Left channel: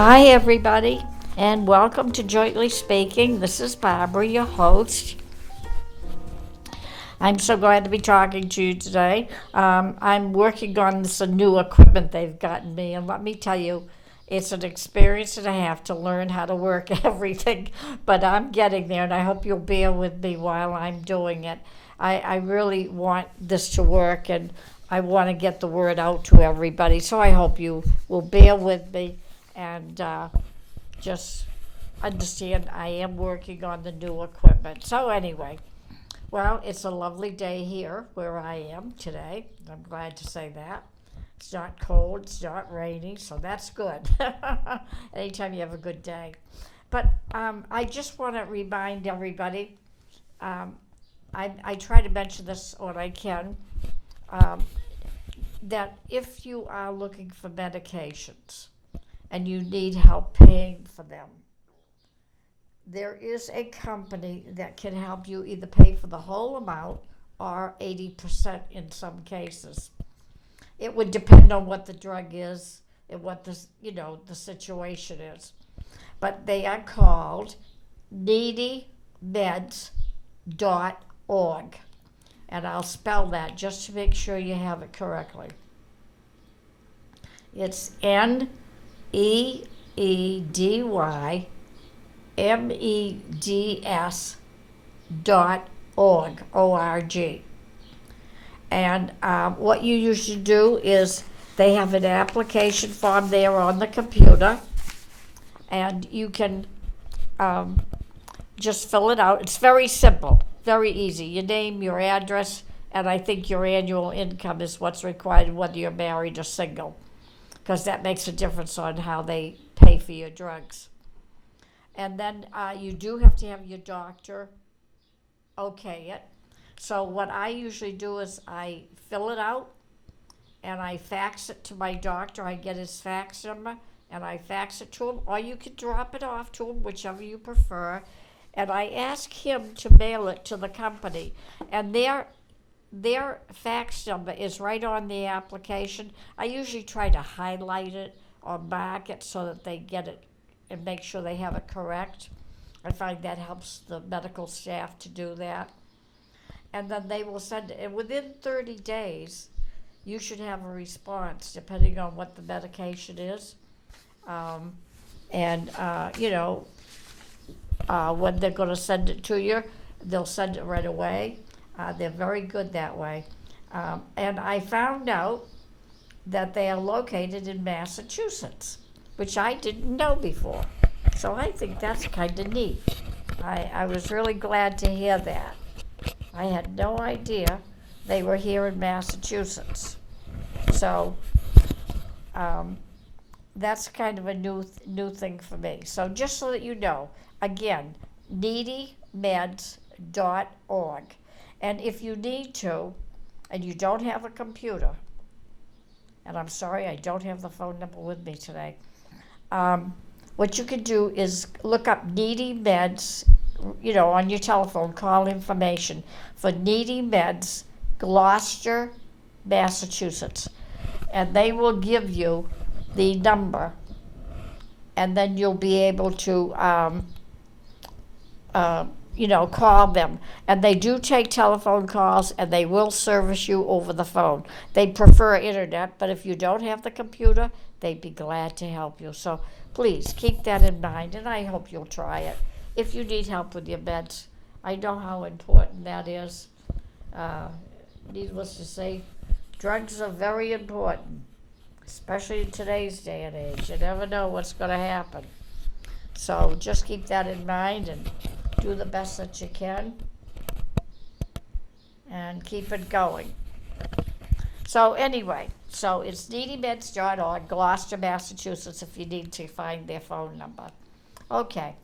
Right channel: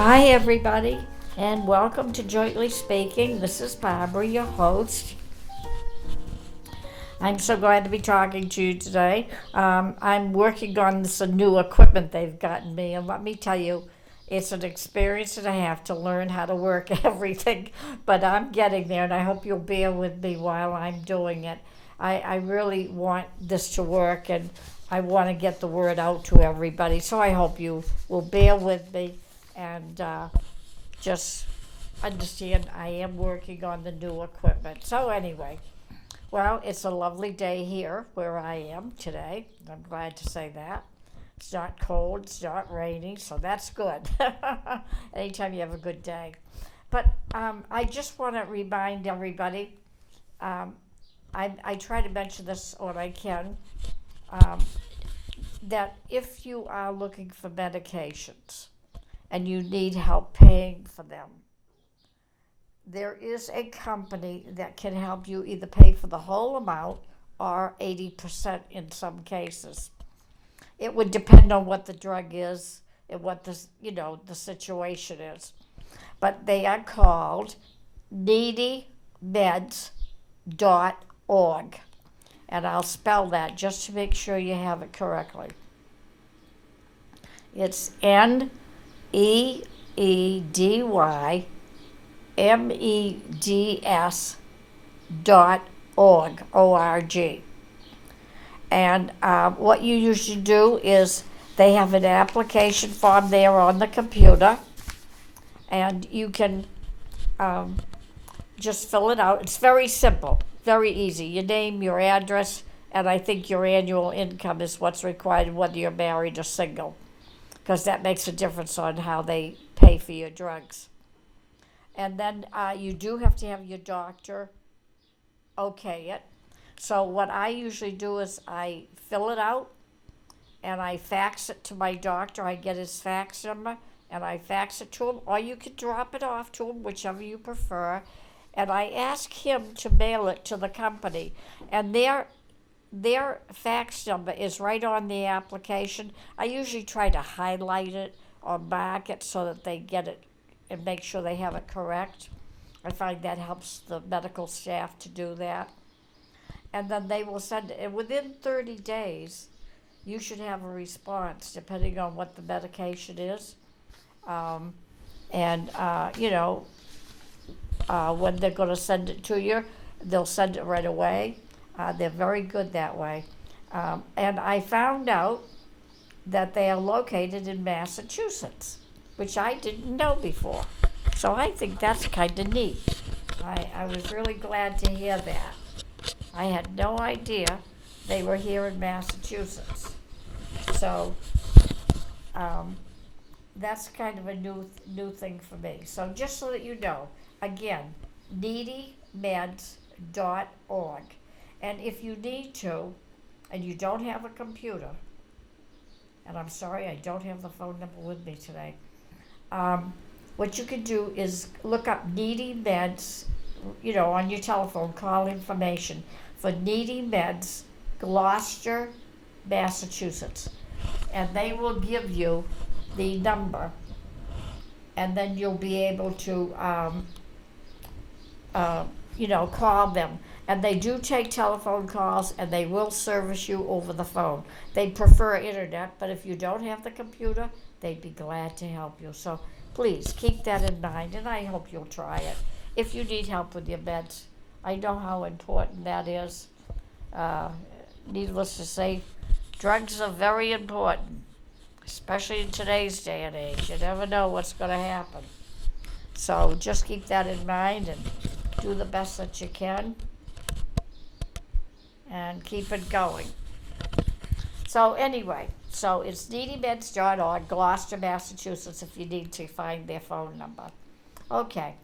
Hi, everybody, and welcome to Jointly Speaking. This is Barbara, your host. I'm so glad to be talking to you today. I'm working on this new equipment they've gotten me, and let me tell you, it's an experience and a half to learn how to work everything, but I'm getting there, and I hope you'll bear with me while I'm doing it. I really want this to work, and I want to get the word out to everybody, so I hope you will bear with me and just understand I am working on the new equipment. So, anyway. Well, it's a lovely day here where I am today. I'm glad to say that. It's not cold, it's not rainy, so that's good. Anytime you have a good day. But I just want to remind everybody, um, I try to mention this when I can, um, that if you are looking for medications and you need help paying for them, there is a company that can help you either pay for the whole amount or 80% in some cases. It would depend on what the drug is and what the situation is. But they are called needymeds.org. And I'll spell that just to make sure you have it correctly. It's NEEDYMEDS.org, O-R-G. And what you usually do is they have an application form there on the computer, and you can just fill it out. It's very simple, very easy. Your name, your address, and I think your annual income is what's required, whether you're married or single, because that makes a difference on how they pay for your drugs. And then you do have to have your doctor okay it. So what I usually do is I fill it out and I fax it to my doctor. I get his fax number and I fax it to him, or you can drop it off to him, whichever you prefer. And I ask him to mail it to the company. And their fax number is right on the application. I usually try to highlight it or mark it so that they get it and make sure they have it correct. I find that helps the medical staff to do that. And then they will send it. And within 30 days, you should have a response, depending on what the medication is. And when they're going to send it to you, they'll send it right away. They're very good that way. And I found out that they are located in Massachusetts, which I didn't know before. So I think that's kind of neat. I was really glad to hear that. I had no idea they were here in Massachusetts. So that's kind of a new thing for me. So just so that you know, again, needymeds.org. And if you need to, and you don't have a computer, and I'm sorry I don't have the phone number with me today, what you could do is look up Needy Meds, on your telephone, call information for Needy Meds, Gloucester, Massachusetts. And they will give you the number, and then you'll be able to, call them. And they do take telephone calls, and they will service you over the phone. They prefer internet, but if you don't have the computer, they'd be glad to help you. So please keep that in mind, and I hope you'll try it. If you need help with your meds, I know how important that is. Needless to say, drugs are very important, especially in today's day and age. You never know what's going to happen. So just keep that in mind and do the best that you can and keep it going. So anyway, so it's needymeds.org, Gloucester, Massachusetts, if you need to find their phone number. Okay,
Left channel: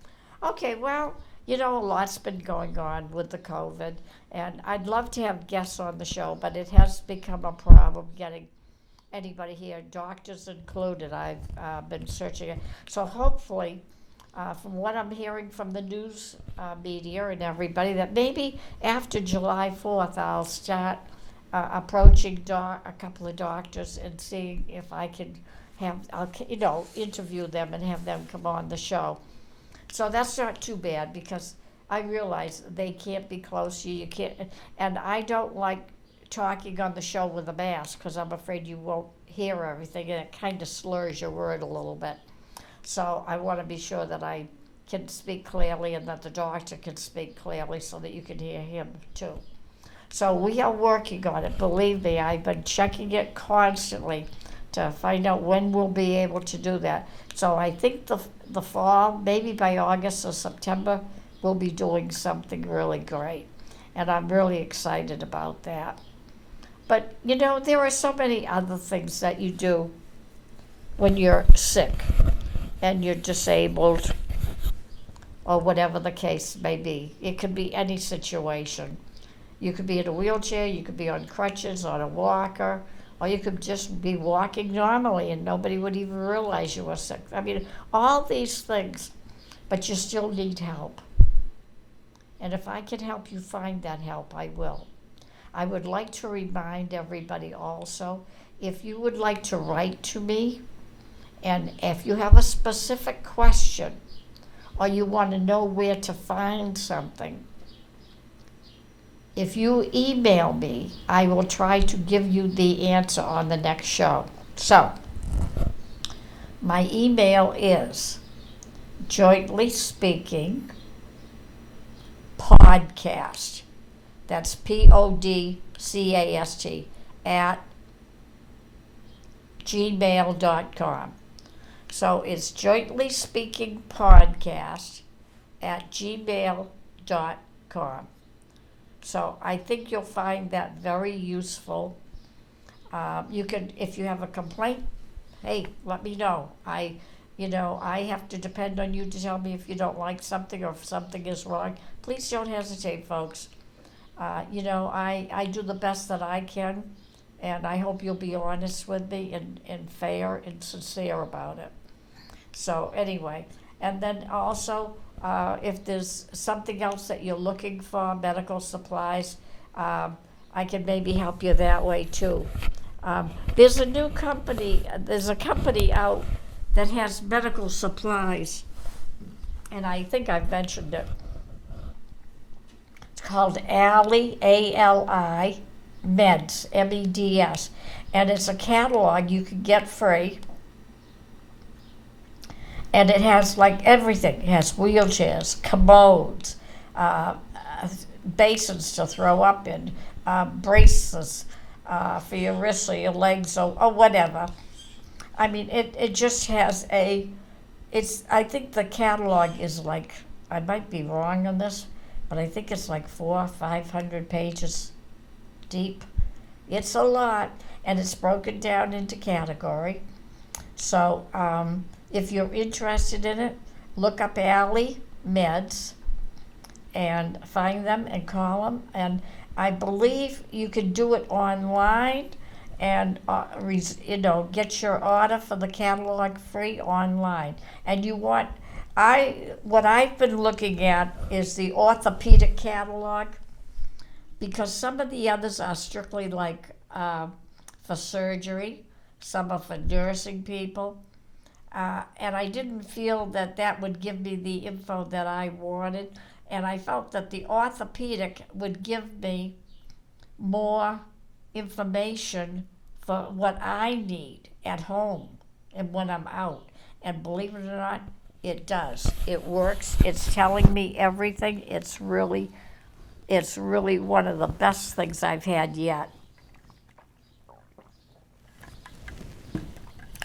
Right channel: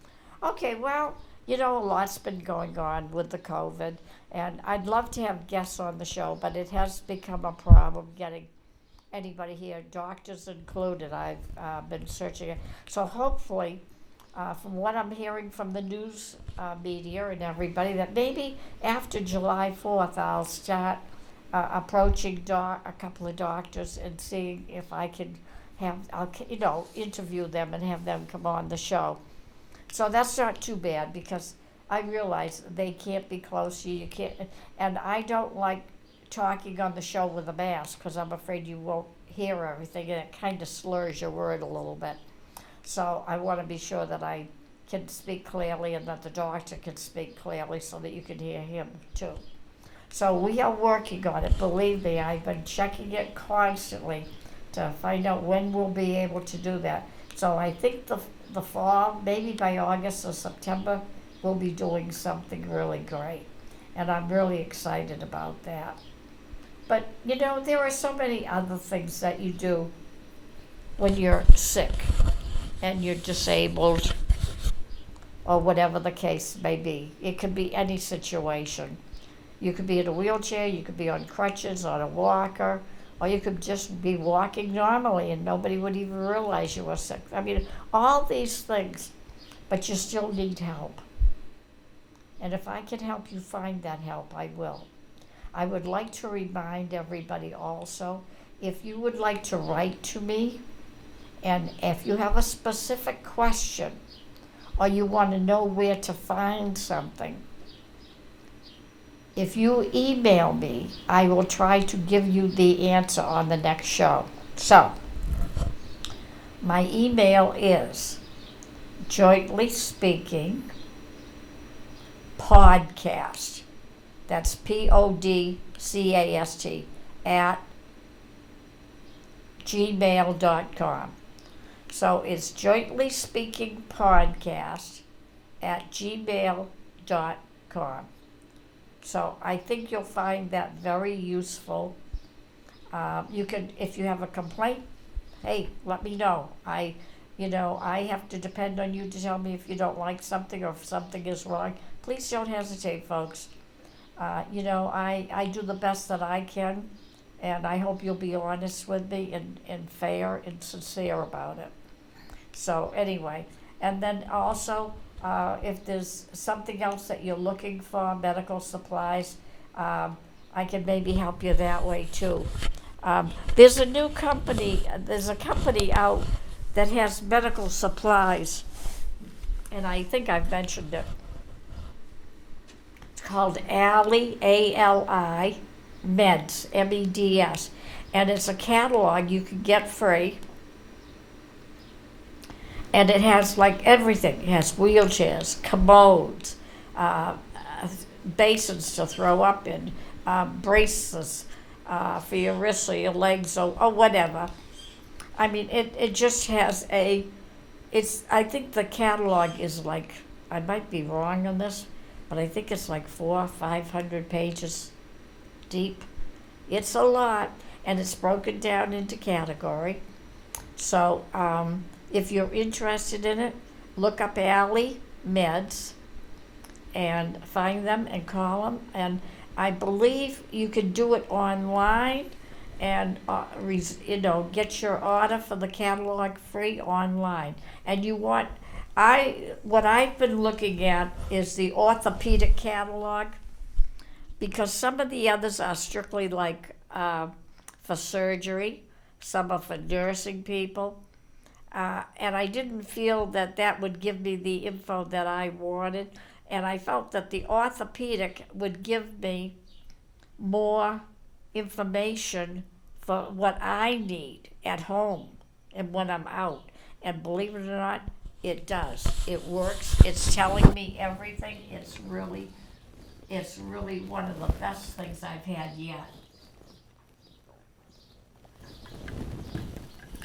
well, a lot's been going on with the COVID, and I'd love to have guests on the show, but it has become a problem getting anybody here, doctors included. I've been searching it. So hopefully, from what I'm hearing from the news media and everybody, that maybe after July 4th, I'll start approaching a couple of doctors and seeing if I can I'll interview them and have them come on the show. So that's not too bad because I realize they can't be close to you. You can't, and I don't like talking on the show with a mask because I'm afraid you won't hear everything and it kind of slurs your word a little bit. So I want to be sure that I can speak clearly and that the doctor can speak clearly so that you can hear him too. So we are working on it. Believe me, I've been checking it constantly to find out when we'll be able to do that. So I think the fall, maybe by August or September, we'll be doing something really great. And I'm really excited about that. But there are so many other things that you do when you're sick and you're disabled or whatever the case may be. It could be any situation. You could be in a wheelchair, you could be on crutches, on a walker, or you could just be walking normally and nobody would even realize you were sick. I mean, all these things, but you still need help. And if I can help you find that help, I will. I would like to remind everybody also, if you would like to write to me, and if you have a specific question, or you want to know where to find something, if you email me, I will try to give you the answer on the next show. So, my email is Jointly Speaking Podcast. That's PODCAST at gmail.com. So it's Jointly Speaking Podcast at gmail.com. So I think you'll find that very useful. You can, if you have a complaint, hey, let me know. I have to depend on you to tell me if you don't like something or if something is wrong. Please don't hesitate, folks. I do the best that I can, and I hope you'll be honest with me and fair and sincere about it. So anyway, and then also, if there's something else that you're looking for, medical supplies, I can maybe help you that way too. There's a company out that has medical supplies, and I think I've mentioned it. It's called ALI, A-L-I, Meds, M-E-D-S, and it's a catalog you can get free. And it has like everything. It has wheelchairs, commodes, basins to throw up in, braces for your wrists or your legs or whatever. I mean, it just has I think the catalog is like, I might be wrong on this, but I think it's like 400 or 500 pages deep. It's a lot, and it's broken down into category. So, if you're interested in it, look up ALI Meds and find them and call them. And I believe you can do it online and get your order for the catalog free online. And what I've been looking at is the orthopedic catalog, because some of the others are strictly like for surgery, some are for nursing people. And I didn't feel that would give me the info that I wanted. And I felt that the orthopedic would give me more information for what I need at home and when I'm out. And believe it or not, it does. It works. It's telling me everything. It's really one of the best things I've had yet.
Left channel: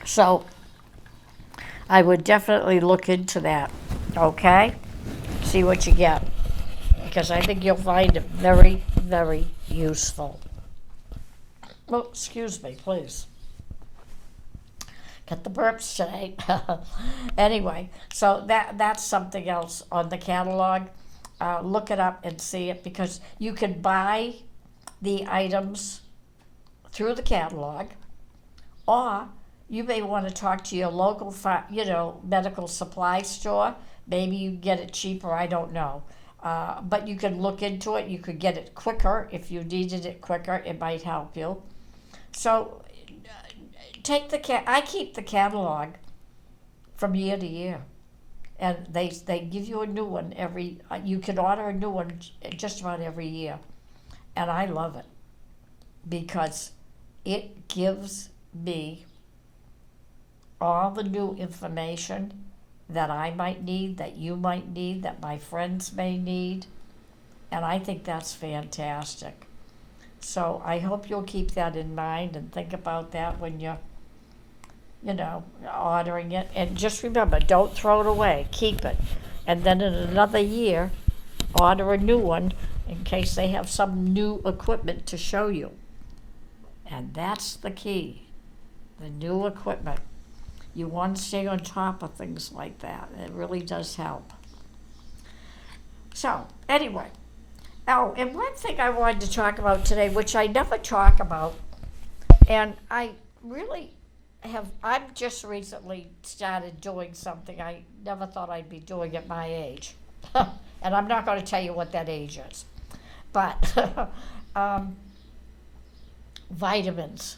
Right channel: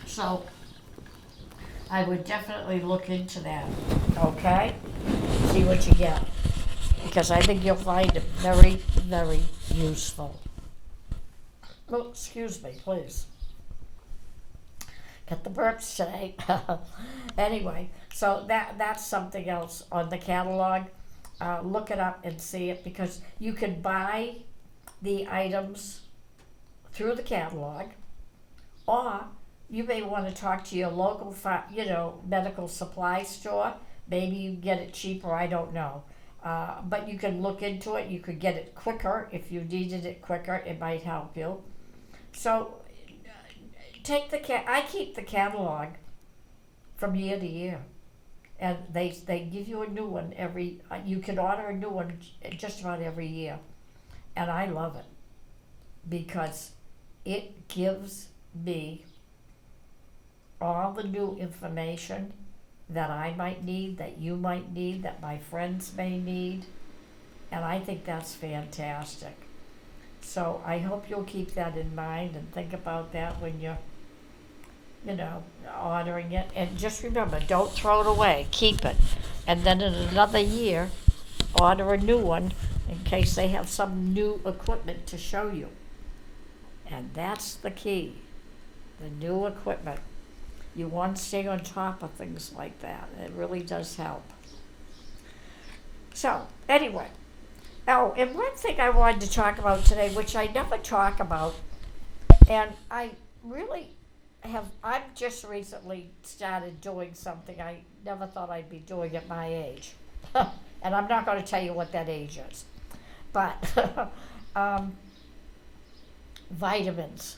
So I would definitely look into that, okay? See what you get, because I think you'll find it very, very useful. Oh, excuse me, please. Get the burps today. Anyway, so that's something else on the catalog. Look it up and see it, because you can buy the items through the catalog, or you may want to talk to your local, medical supply store. Maybe you get it cheaper, I don't know. But you can look into it. You could get it quicker if you needed it quicker. It might help you. So take I keep the catalog from year to year, and they give you a new one every. You can order a new one just about every year, and I love it because it gives me all the new information that I might need, that you might need, that my friends may need, and I think that's fantastic. So I hope you'll keep that in mind and think about that when you're, ordering it. And just remember, don't throw it away, keep it. And then in another year, order a new one in case they have some new equipment to show you. And that's the key, the new equipment. You want to stay on top of things like that. It really does help. So, anyway. Oh, and one thing I wanted to talk about today, which I never talk about, and I really I've just recently started doing something I never thought I'd be doing at my age. And I'm not going to tell you what that age is. But vitamins.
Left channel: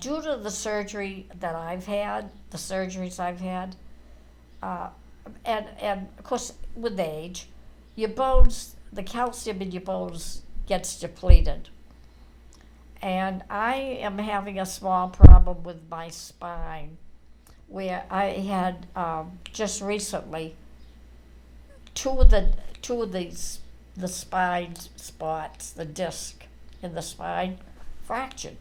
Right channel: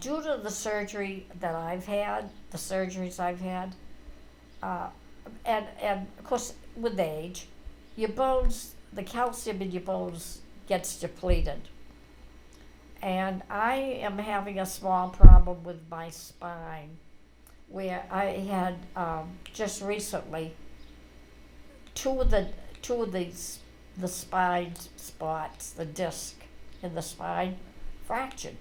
Due to the surgery that I've had, the surgeries I've had, and of course with age, your bones, the calcium in your bones gets depleted. And I am having a small problem with my spine, where I had just recently two of these the spine spots, the disc in the spine, fractured.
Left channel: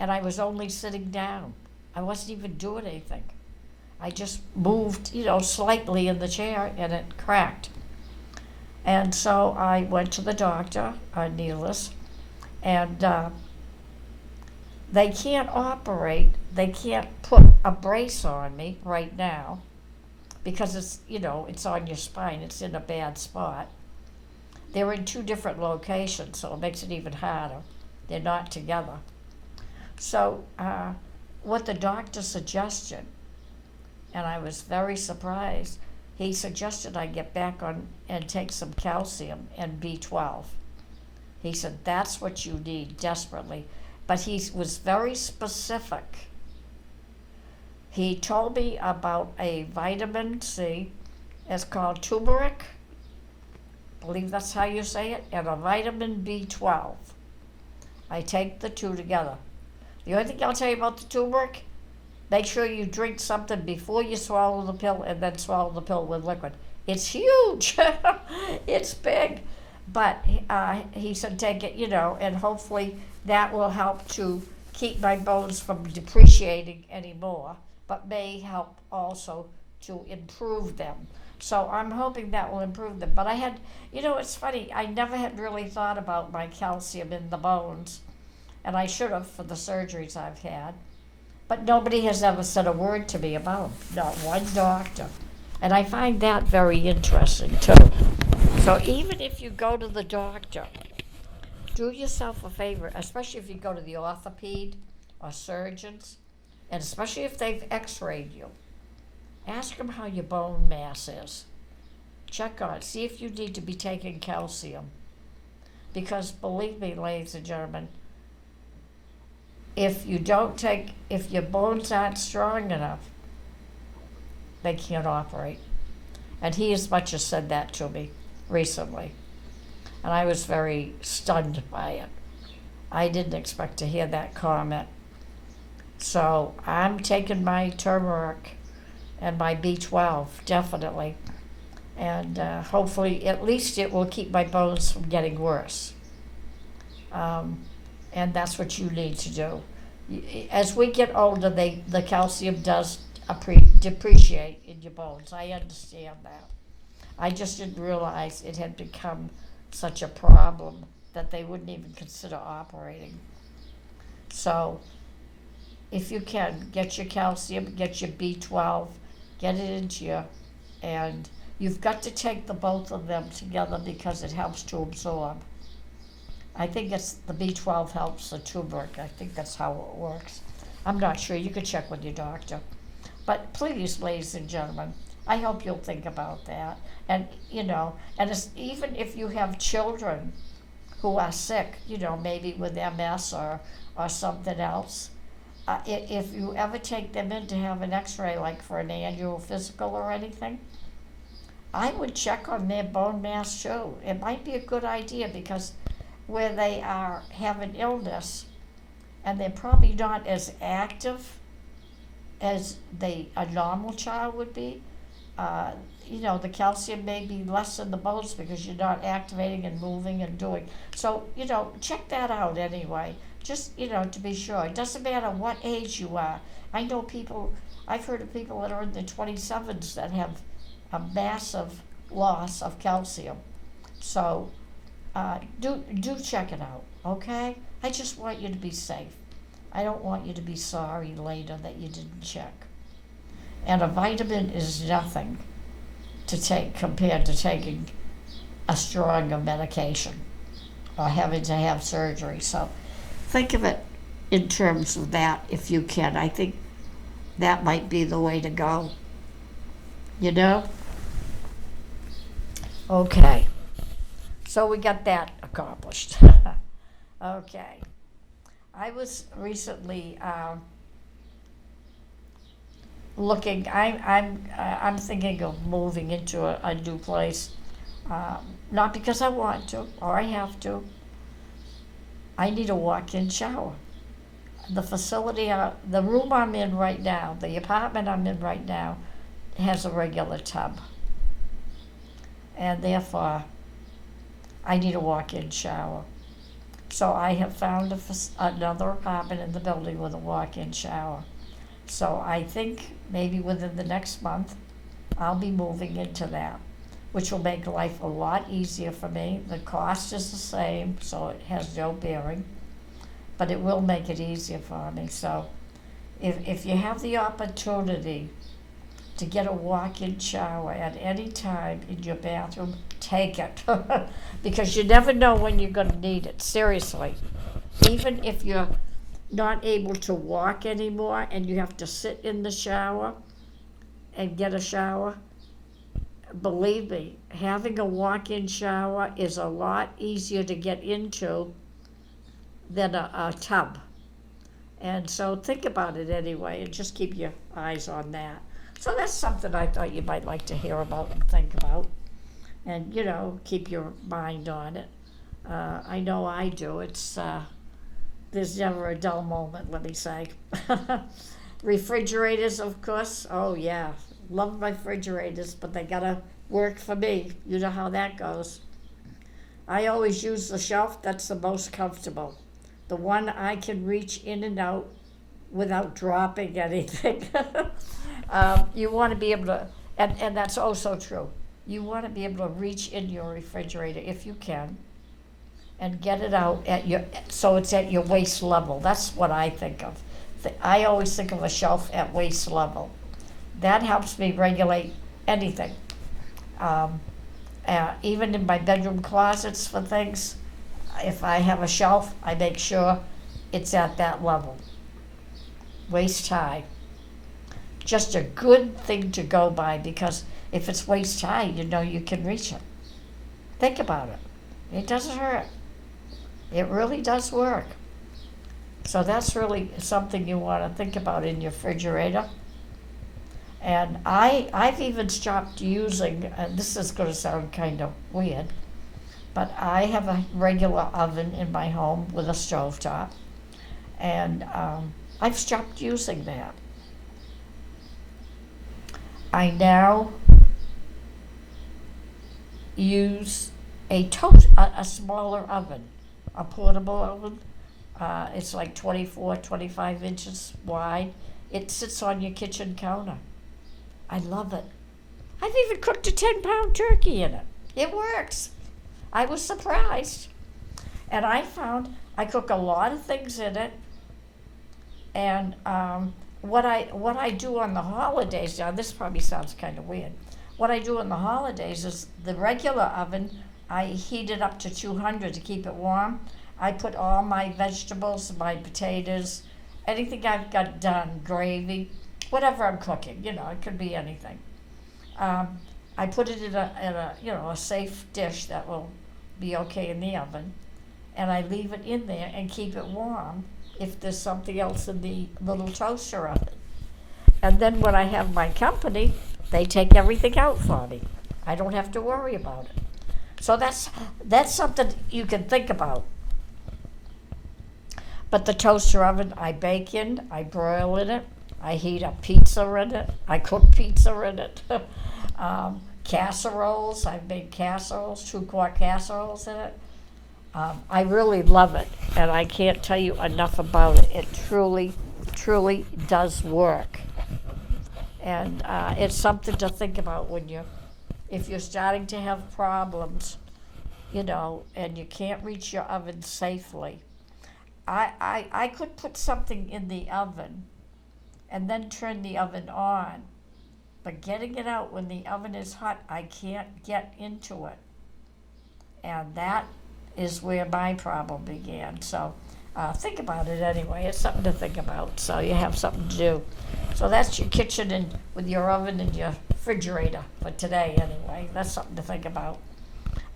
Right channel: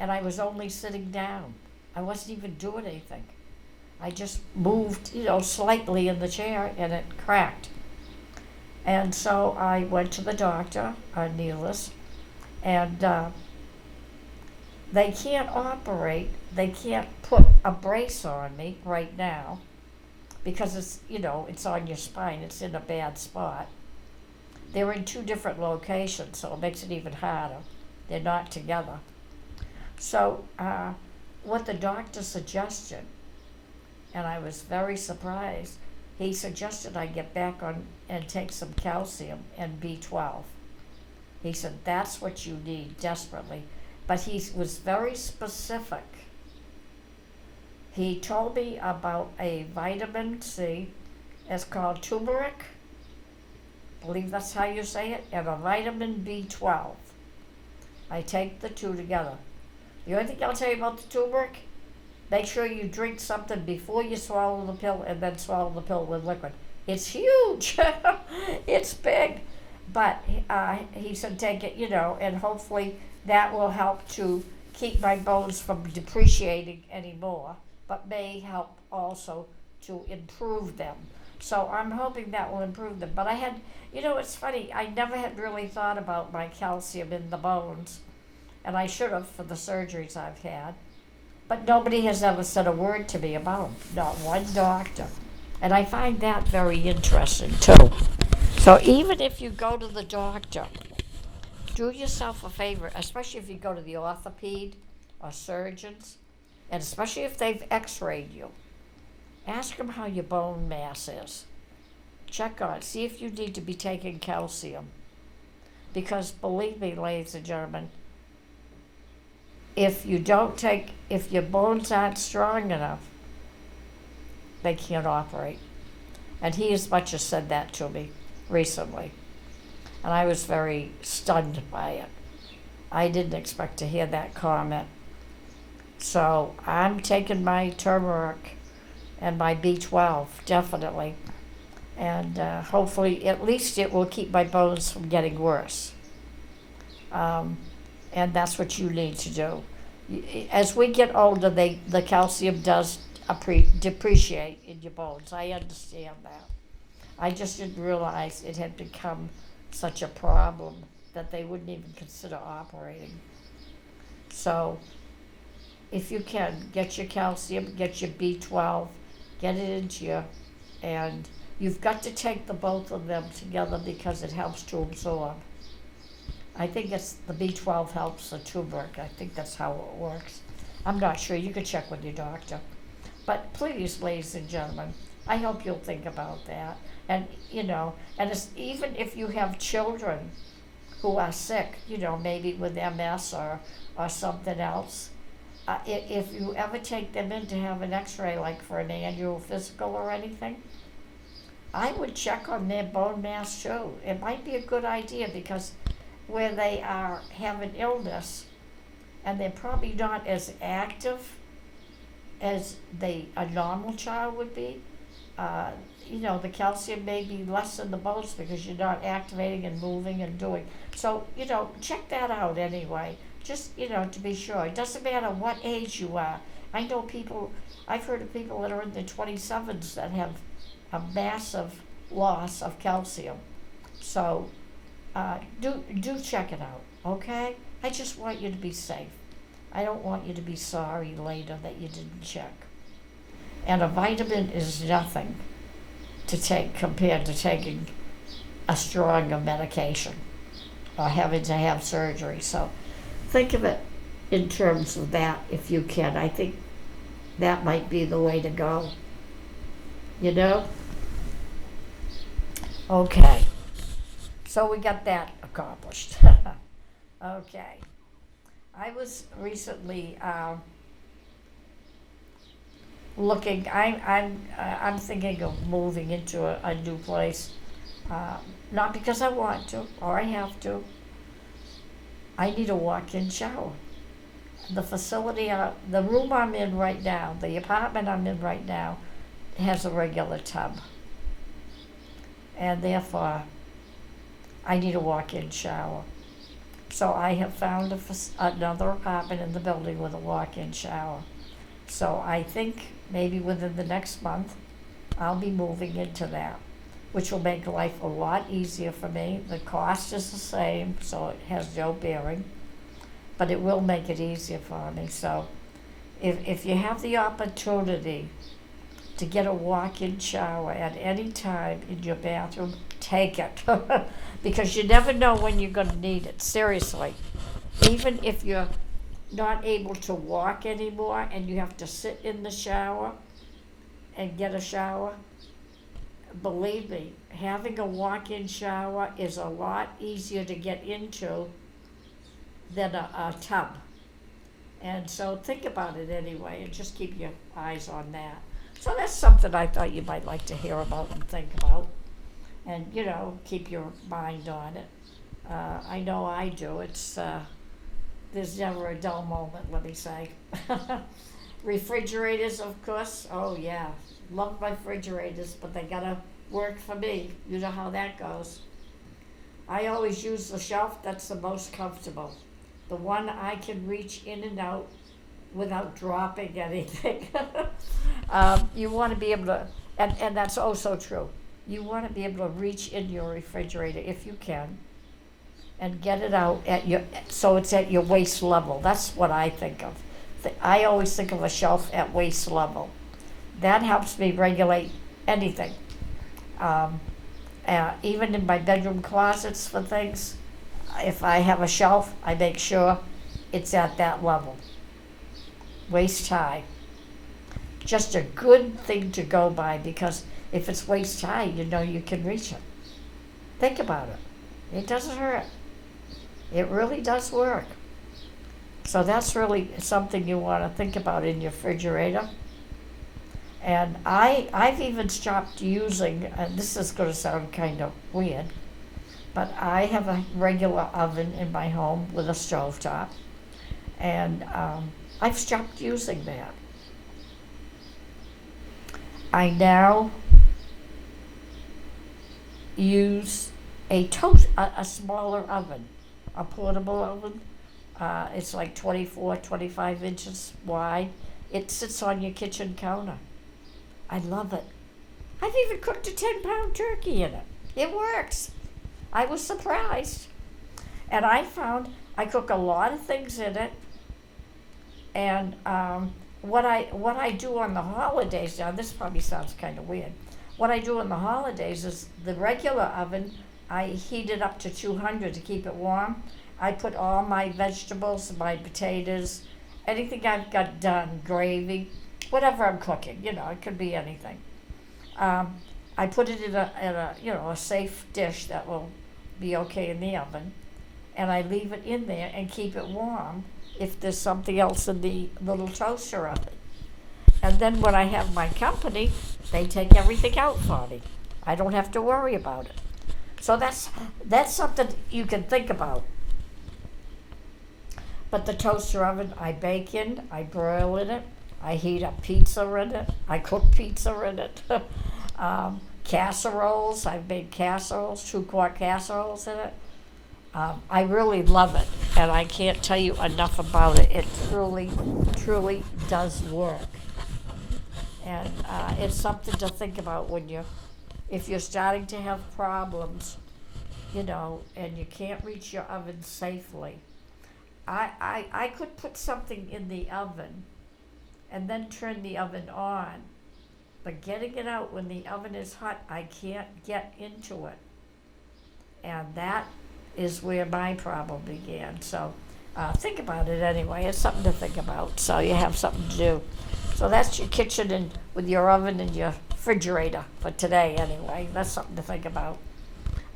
And I was only sitting down. I wasn't even doing anything. I just moved, slightly in the chair, and it cracked. And so I went to the doctor, Neelis, and they can't operate. They can't put a brace on me right now because it's on your spine. It's in a bad spot. They're in two different locations, so it makes it even harder. They're not together. So what the doctor suggested, and I was very surprised, he suggested I get back on and take some calcium and B12. He said, that's what you need desperately. But he was very specific. He told me about a vitamin C, it's called turmeric, I believe that's how you say it, and a vitamin B12. I take the two together. The only thing I'll tell you about the turmeric, make sure you drink something before you swallow the pill and then swallow the pill with liquid. It's huge. It's big. But he said take it, and hopefully that will help to keep my bones from depreciating anymore, but may help also to improve them. So I'm hoping that will improve them. But I had, it's funny, I never had really thought about my calcium in the bones. And I should have for the surgeries I've had. But nobody has ever said a word to me about them, not one doctor. And I find that very interesting too. So even if you go to the doctor, do yourself a favor, especially if you go to the orthoped or surgeons, and especially if they've x-rayed you. Ask them how your bone mass is. Check on it. See if you need to be taking calcium. Because believe me, ladies and gentlemen, if your bones aren't strong enough, they can't operate. And he as much as said that to me recently. And I was very stunned by it. I didn't expect to hear that comment. So I'm taking my turmeric and my B12, definitely. And hopefully, at least it will keep my bones from getting worse. And that's what you need to do. As we get older, the calcium does depreciate in your bones. I understand that. I just didn't realize it had become such a problem that they wouldn't even consider operating. So if you can, get your calcium, get your B12, get it into you, and you've got to take the both of them together because it helps to absorb. I think it's the B12 helps the turmeric. I think that's how it works. I'm not sure. You can check with your doctor. But please, ladies and gentlemen, I hope you'll think about that. And, and it's, even if you have children who are sick, maybe with MS or something else. If you ever take them in to have an x-ray, like for an annual physical or anything, I would check on their bone mass too. It might be a good idea because where they are have an illness and they're probably not as active as a normal child would be, uh, the calcium may be less in the bones because you're not activating and moving and doing. So, check that out anyway, just, to be sure. It doesn't matter what age you are. I know people, I've heard of people that are in their 27s that have a massive loss of calcium. So, do check it out, okay? I just want you to be safe. I don't want you to be sorry later that you didn't check. And a vitamin is nothing to take compared to taking a stronger medication or having to have surgery. So think of it in terms of that if you can. I think that might be the way to go. You know? Okay. So we got that accomplished. Okay. I was recently looking. I'm thinking of moving into a new place, not because I want to or I have to. I need a walk-in shower. The facility, the room I'm in right now, the apartment I'm in right now, has a regular tub, and therefore I need a walk-in shower. So I have found another apartment in the building with a walk-in shower. So I think maybe within the next month, I'll be moving into that, which will make life a lot easier for me. The cost is the same, so it has no bearing, but it will make it easier for me. So if you have the opportunity to get a walk-in shower at any time in your bathroom, take it. Because you never know when you're going to need it, seriously. Even if you're not able to walk anymore and you have to sit in the shower and get a shower, believe me, having a walk-in shower is a lot easier to get into than a tub. And so think about it anyway and just keep your eyes on that. So that's something I thought you might like to hear about and think about. And, keep your mind on it. I know I do. There's never a dull moment, let me say. Refrigerators, of course. Oh, yeah. Love my refrigerators, but they gotta work for me. You know how that goes. I always use the shelf that's the most comfortable. The one I can reach in and out without dropping anything. You want to be able to, and that's oh so true. You want to be able to reach in your refrigerator if you can and get it out so it's at your waist level. That's what I think of. I always think of a shelf at waist level. That helps me regulate anything. Even in my bedroom closets for things, if I have a shelf, I make sure it's at that level. Waist high. Just a good thing to go by because if it's waist high, you can reach it. Think about it. It doesn't hurt. It really does work. So that's really something you want to think about in your refrigerator. And I've even stopped using, and this is going to sound kind of weird, but I have a regular oven in my home with a stovetop, and I've stopped using that. I now use a smaller oven, a portable oven. It's like 24, 25 inches wide. It sits on your kitchen counter. I love it. I've even cooked a 10-pound turkey in it. It works. I was surprised. And I found I cook a lot of things in it. And what I do on the holidays, now this probably sounds kind of weird. What I do on the holidays is the regular oven, I heat it up to 200 to keep it warm. I put all my vegetables, my potatoes, anything I've got done, gravy, whatever I'm cooking, it could be anything. I put it in a safe dish that will be okay in the oven. and I leave it in there and keep it warm if there's something else in the little toaster oven. And then when I have my company, they take everything out for me. I don't have to worry about it. So that's something you can think about. But the toaster oven, I bake in, I broil in it, I heat up pizza in it, I cook pizza in it. Casseroles, I've made casseroles, 2-quart casseroles in it. I really love it, and I can't tell you enough about it. It truly, truly does work. And it's something to think about if you're starting to have problems, and you can't reach your oven safely. I could put something in the oven and then turn the oven on, but getting it out when the oven is hot, I can't get into it. And that is where my problem began. So think about it anyway. It's something to think about, so you have something to do. So that's your kitchen and with your oven and your refrigerator for today anyway. That's something to think about.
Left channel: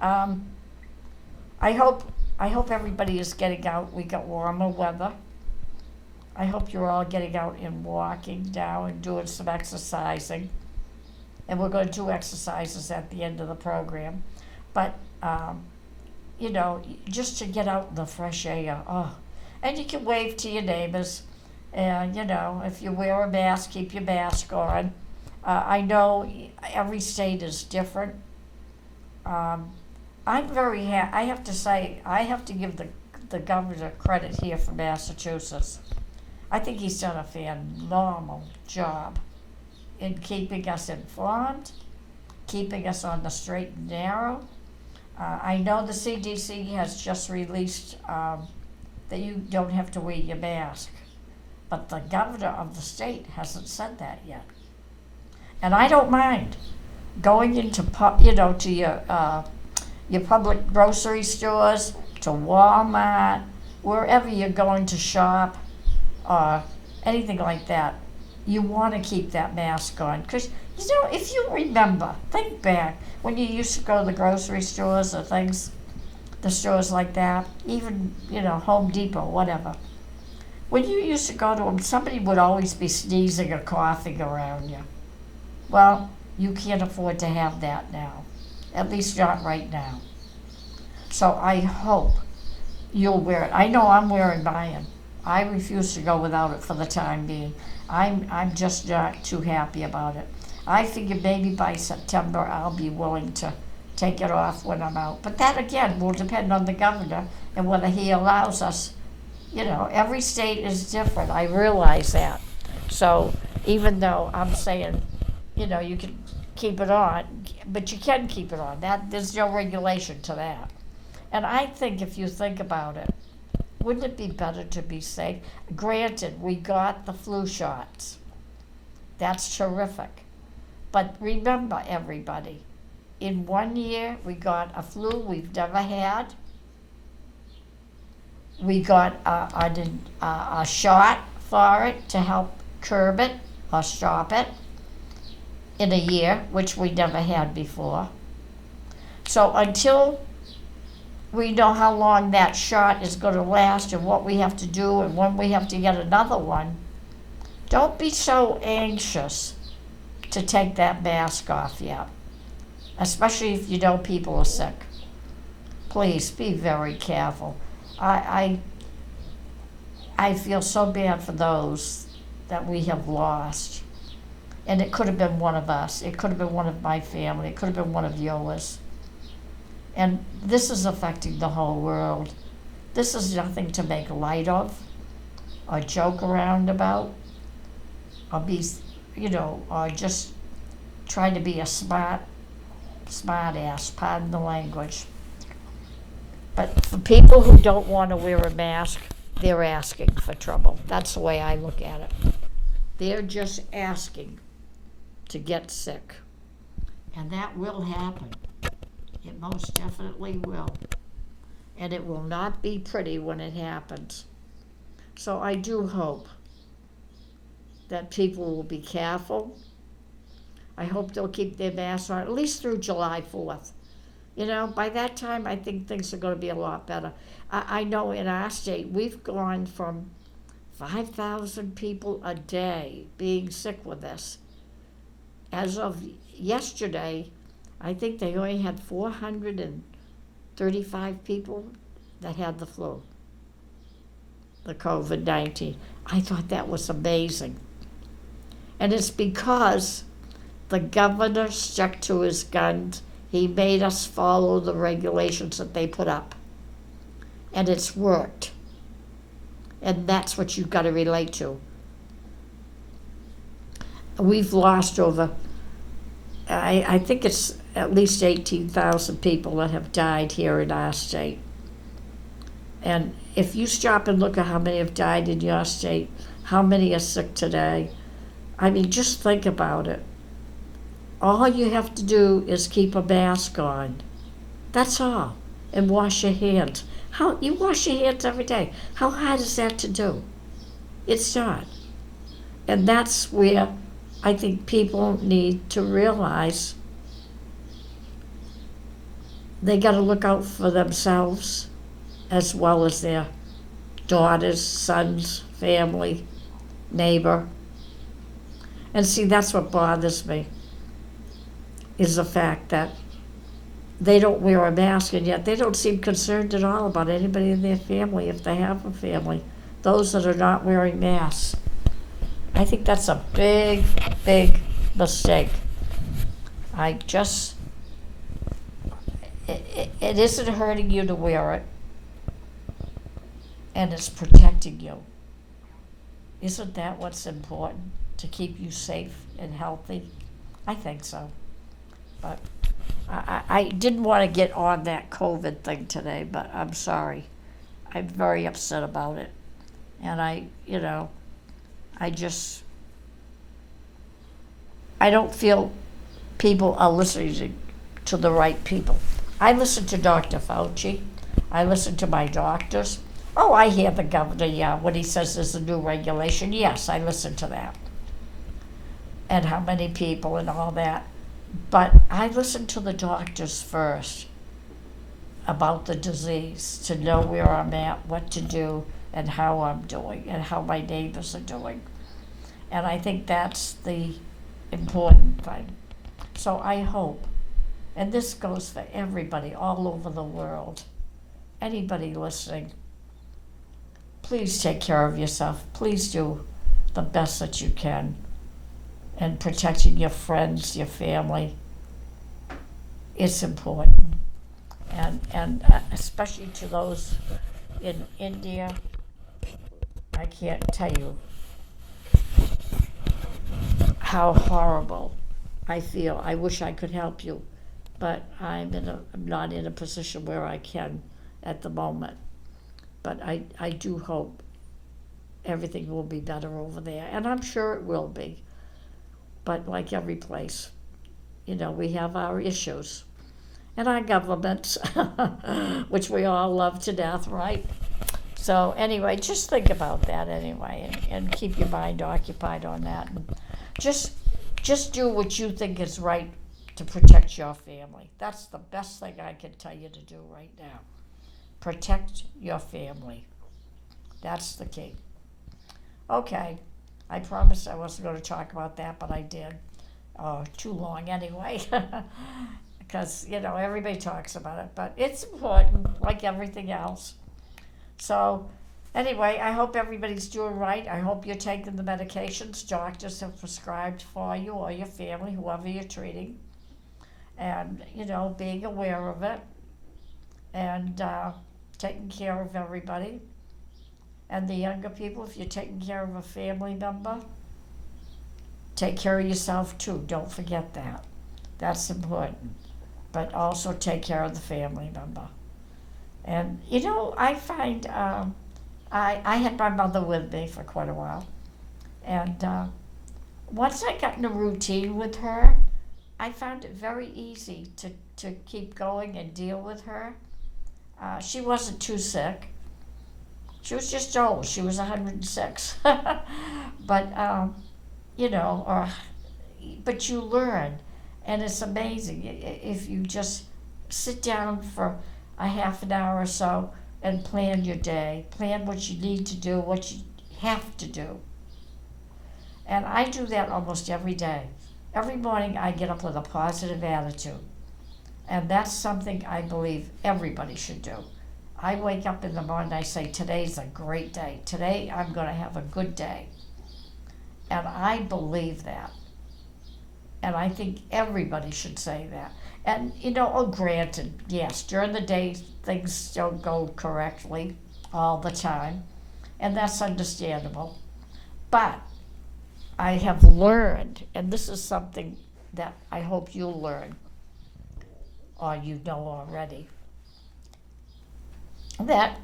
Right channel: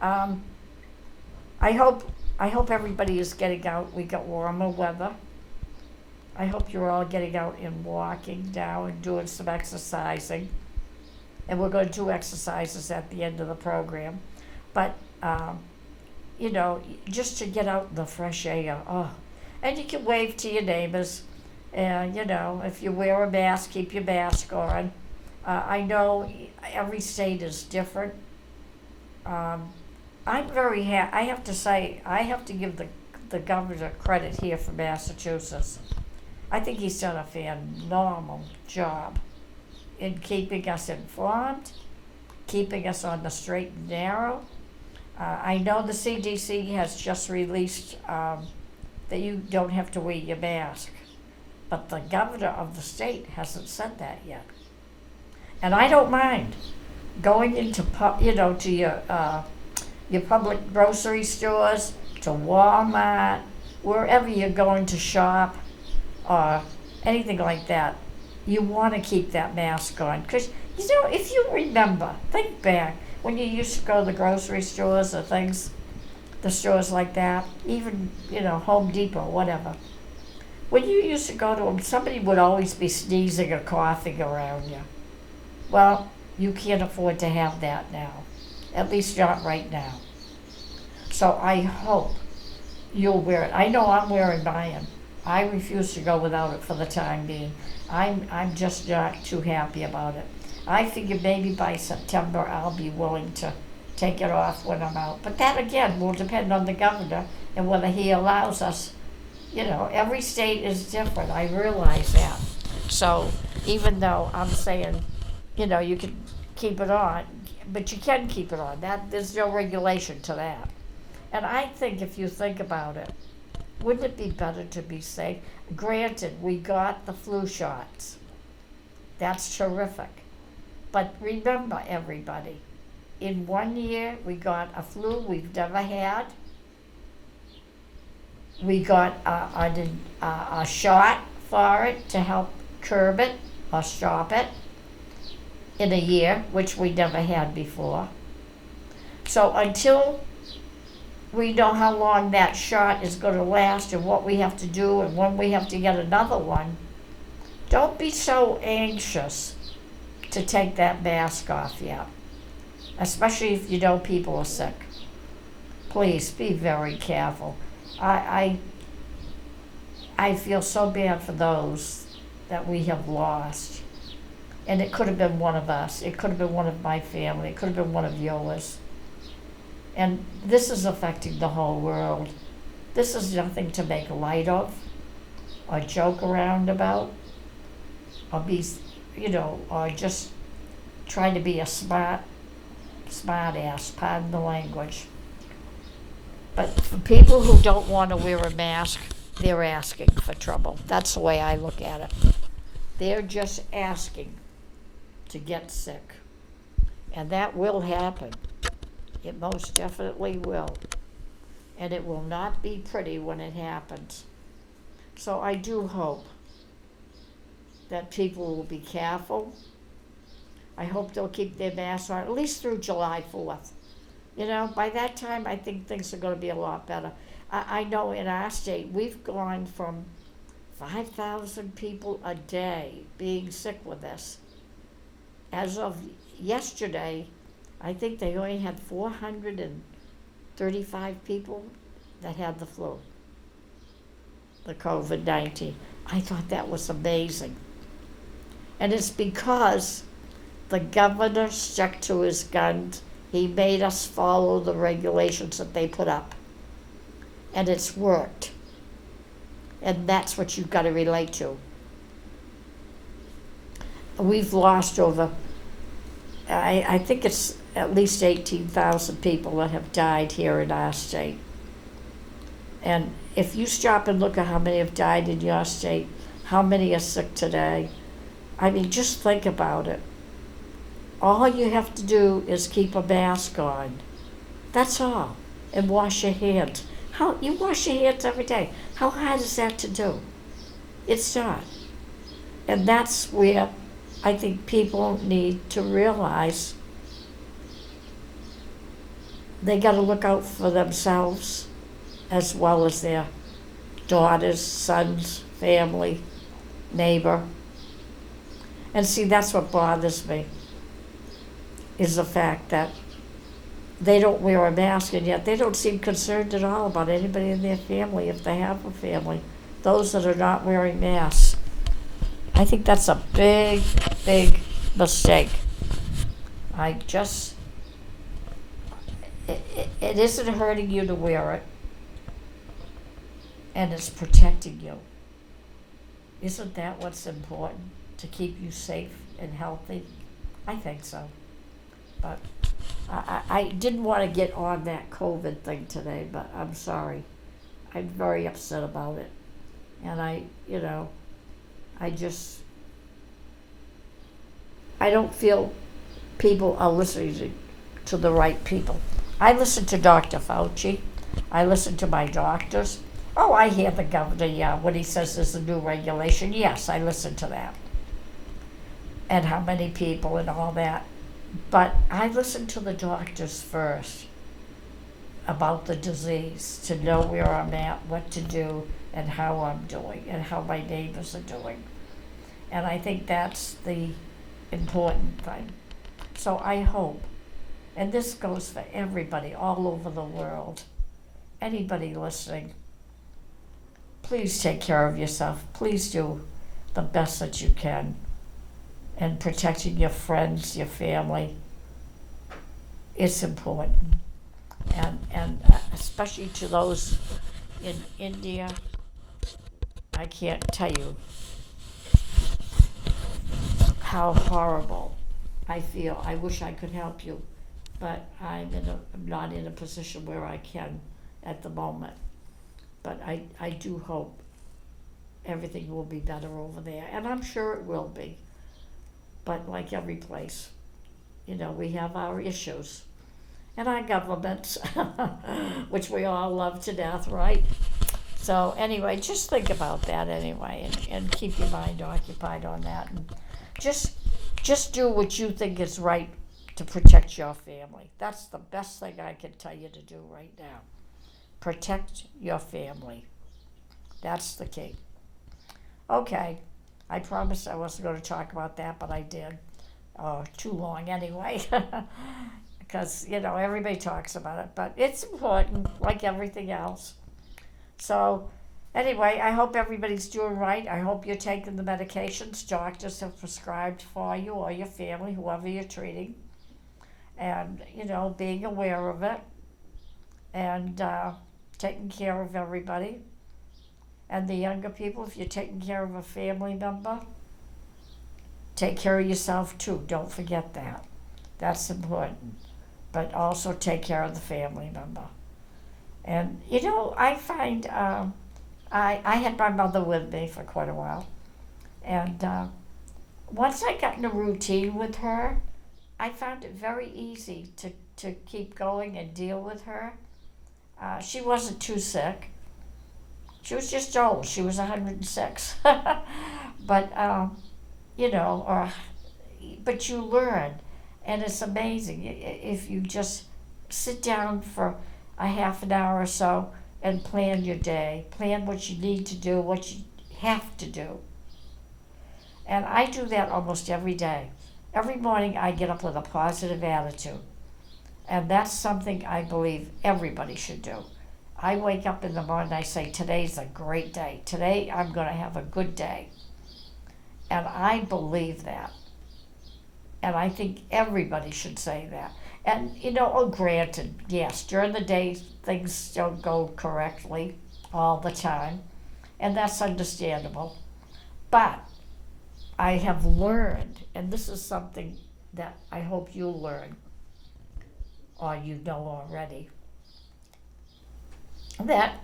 I hope everybody is getting out. We got warmer weather. I hope you're all getting out and walking now and doing some exercising. And we're going to do exercises at the end of the program. But, just to get out in the fresh air. Oh, and you can wave to your neighbors. And, if you wear a mask, keep your mask on. I know every state is different. I'm very happy. I have to say, I have to give the governor credit here for Massachusetts. I think he's done a phenomenal job in keeping us informed, keeping us on the straight and narrow. I know the CDC has just released that you don't have to wear your mask, but the governor of the state hasn't said that yet. And I don't mind going into to your public grocery stores, to Walmart, wherever you're going to shop, or anything like that. You want to keep that mask on, because if you remember, think back when you used to go to the grocery stores or the stores like that, even Home Depot, whatever. When you used to go to them, somebody would always be sneezing or coughing around you. Well, you can't afford to have that now, at least not right now. So I hope you'll wear it. I know I'm wearing mine. I refuse to go without it for the time being. I'm just not too happy about it. I figure maybe by September I'll be willing to take it off when I'm out. But that again will depend on the governor and whether he allows us. Every state is different. I realize that. So even though I'm saying, you can keep it on, but you can keep it on. There's no regulation to that. And I think if you think about it, wouldn't it be better to be safe? Granted, we got the flu shots. That's terrific. But remember, everybody, in 1 year, we got a flu we've never had. We got a shot for it to help curb it or stop it in a year, which we never had before. So until we know how long that shot is going to last and what we have to do and when we have to get another one, don't be so anxious to take that mask off yet, especially if you know people are sick. Please be very careful. I feel so bad for those that we have lost. And it could have been one of us. It could have been one of my family. It could have been one of yours. And this is affecting the whole world. This is nothing to make light of or joke around about or be, or just try to be a smart ass, pardon the language. But for people who don't want to wear a mask, they're asking for trouble. That's the way I look at it. They're just asking to get sick. And that will happen. It most definitely will. And it will not be pretty when it happens. So I do hope that people will be careful. I hope they'll keep their masks on, at least through July 4th. By that time, I think things are going to be a lot better. I know in our state, we've gone from 5,000 people a day being sick with this. As of yesterday, I think they only had 435 people that had the flu, the COVID-19. I thought that was amazing. And it's because the governor stuck to his guns. He made us follow the regulations that they put up. And it's worked. And that's what you've got to relate to. We've lost over, I think it's at least 18,000 people that have died here in our state. And if you stop and look at how many have died in your state, how many are sick today, I mean, just think about it. All you have to do is keep a mask on. That's all. And wash your hands. You wash your hands every day. How hard is that to do? It's not. And that's where I think people need to realize they got to look out for themselves as well as their daughters, sons, family, neighbor. And see, that's what bothers me, is the fact that they don't wear a mask, and yet they don't seem concerned at all about anybody in their family, if they have a family, those that are not wearing masks. I think that's a big, big mistake. It isn't hurting you to wear it, and it's protecting you. Isn't that what's important, to keep you safe and healthy? I think so. But I didn't want to get on that COVID thing today, but I'm sorry. I'm very upset about it. And I don't feel people are listening to the right people. I listen to Dr. Fauci. I listen to my doctors. Oh, I hear the governor, when he says there's a new regulation. Yes, I listen to that. And how many people and all that. But I listen to the doctors first about the disease, to know where I'm at, what to do, and how I'm doing, and how my neighbors are doing. And I think that's the important thing. So I hope, and this goes for everybody all over the world, anybody listening, please take care of yourself. Please do the best that you can. And protecting your friends, your family, it's important. And especially to those in India, I can't tell you how horrible I feel. I wish I could help you, but I'm not in a position where I can at the moment. But I do hope everything will be better over there, and I'm sure it will be. But like every place, we have our issues. And our governments, which we all love to death, right? So anyway, just think about that anyway, and keep your mind occupied on that. And just do what you think is right to protect your family. That's the best thing I can tell you to do right now. Protect your family. That's the key. Okay. I promised I wasn't going to talk about that, but I did. Too long anyway, because, everybody talks about it, but it's important, like everything else. So, anyway, I hope everybody's doing right. I hope you're taking the medications doctors have prescribed for you or your family, whoever you're treating, and, being aware of it, and taking care of everybody. And the younger people, if you're taking care of a family member, take care of yourself too. Don't forget that. That's important. But also take care of the family member. And, I find I had my mother with me for quite a while. And once I got in a routine with her, I found it very easy to keep going and deal with her. She wasn't too sick. She was just old. She was 106. But, but you learn. And it's amazing if you just sit down for a half an hour or so and plan your day. Plan what you need to do, what you have to do. And I do that almost every day. Every morning I get up with a positive attitude. And that's something I believe everybody should do. I wake up in the morning and I say, today's a great day. Today I'm going to have a good day. And I believe that. And I think everybody should say that. And, granted, yes, during the day things don't go correctly all the time. And that's understandable. But I have learned, and this is something that I hope you'll learn, or you know already, that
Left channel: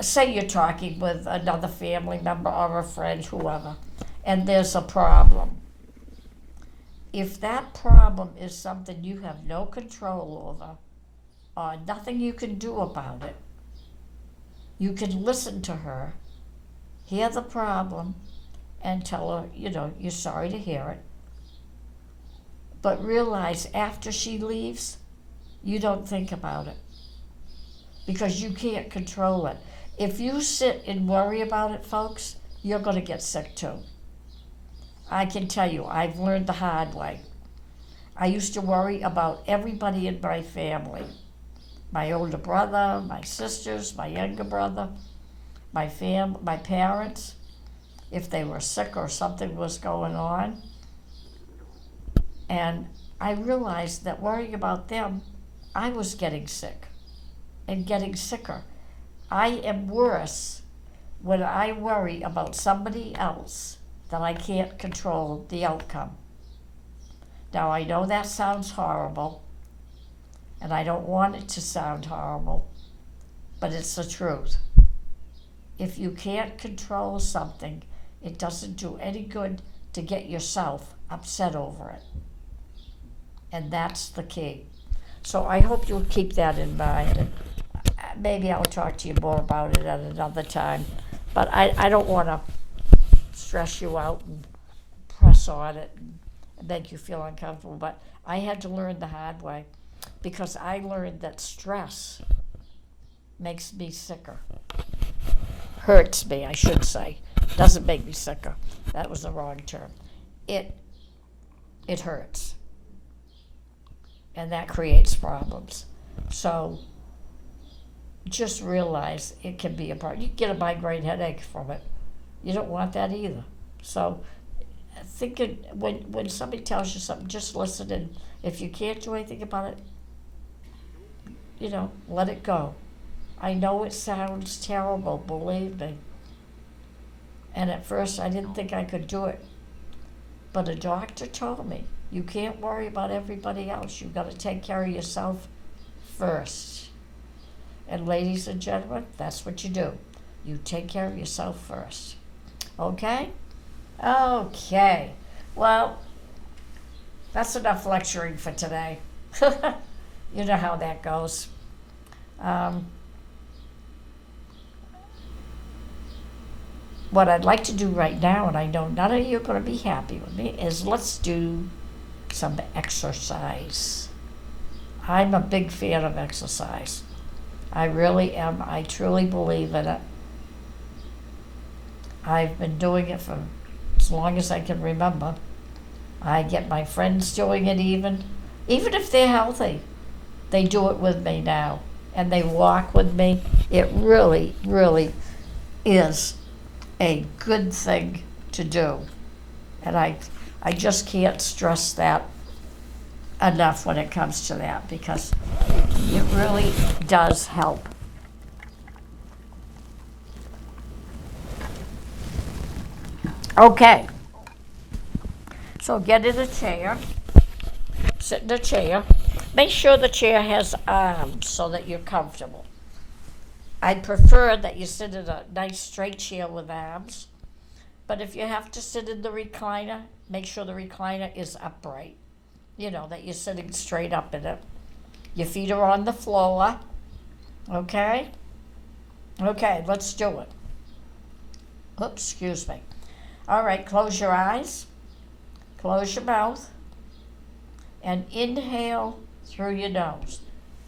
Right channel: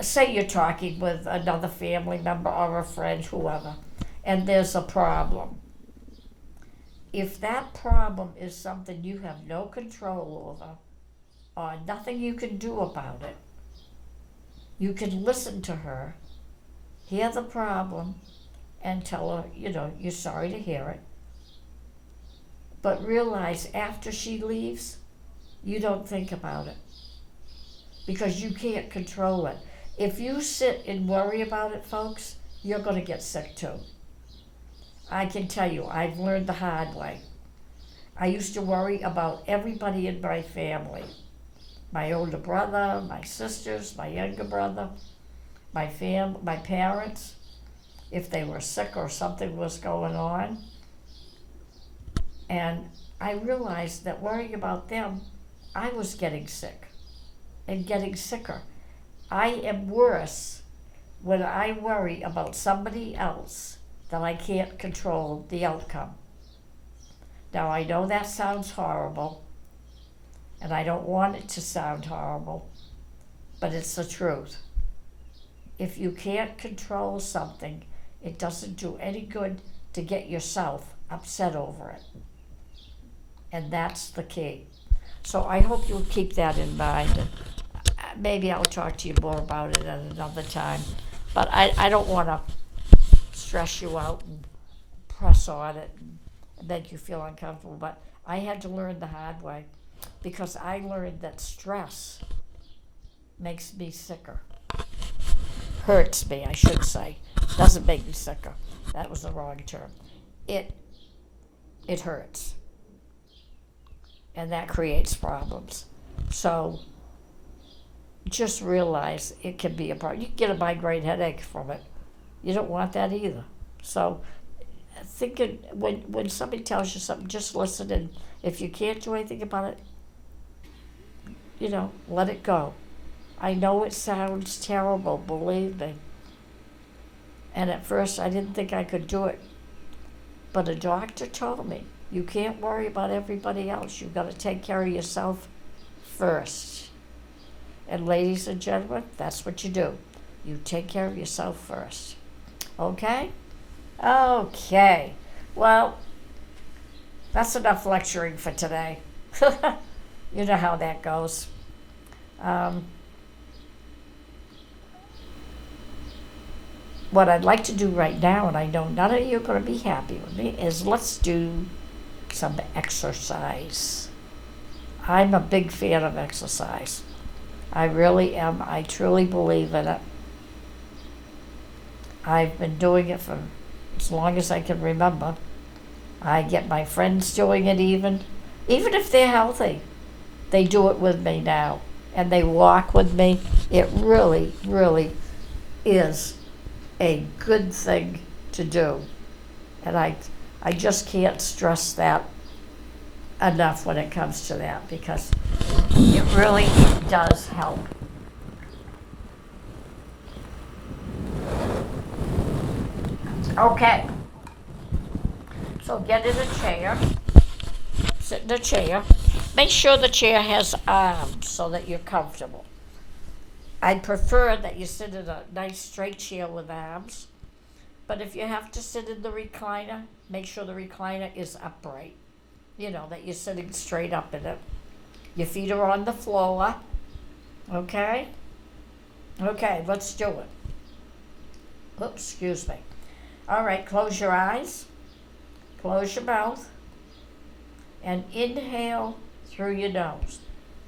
say you're talking with another family member or a friend, whoever, and there's a problem. If that problem is something you have no control over or nothing you can do about it, you can listen to her, hear the problem, and tell her, you're sorry to hear it. But realize after she leaves, you don't think about it because you can't control it. If you sit and worry about it, folks, you're going to get sick too. I can tell you, I've learned the hard way. I used to worry about everybody in my family. My older brother, my sisters, my younger brother, my parents, if they were sick or something was going on. And I realized that worrying about them, I was getting sick and getting sicker. I am worse when I worry about somebody else that I can't control the outcome. Now, I know that sounds horrible, and I don't want it to sound horrible, but it's the truth. If you can't control something, it doesn't do any good to get yourself upset over it. And that's the key. So I hope you'll keep that in mind. And maybe I'll talk to you more about it at another time. But I don't want to stress you out and press on it and make you feel uncomfortable. But I had to learn the hard way because I learned that stress makes me sicker. Hurts me, I should say. Doesn't make me sicker. That was the wrong term. It hurts. And that creates problems. So just realize it can be a problem. You can get a migraine headache from it. You don't want that either. So thinking when somebody tells you something, just listen, and if you can't do anything about it, let it go. I know it sounds terrible, believe me. And at first I didn't think I could do it. But a doctor told me, you can't worry about everybody else. You've got to take care of yourself first. And ladies and gentlemen, that's what you do. You take care of yourself first. Okay? Okay. Well, that's enough lecturing for today. You know how that goes. What I'd like to do right now, and I know none of you are going to be happy with me, is let's do some exercise. I'm a big fan of exercise. I really am. I truly believe in it. I've been doing it for as long as I can remember. I get my friends doing it even if they're healthy. They do it with me now, and they walk with me. It really, really is a good thing to do. And I just can't stress that enough when it comes to that, because it really does help. Okay. So get in a chair. Sit in a chair. Make sure the chair has arms so that you're comfortable. I'd prefer that you sit in a nice straight chair with arms. But if you have to sit in the recliner, make sure the recliner is upright. That you're sitting straight up in it. Your feet are on the floor. Okay? Okay, let's do it. Oops, excuse me. All right, close your eyes. Close your mouth. And inhale through your nose.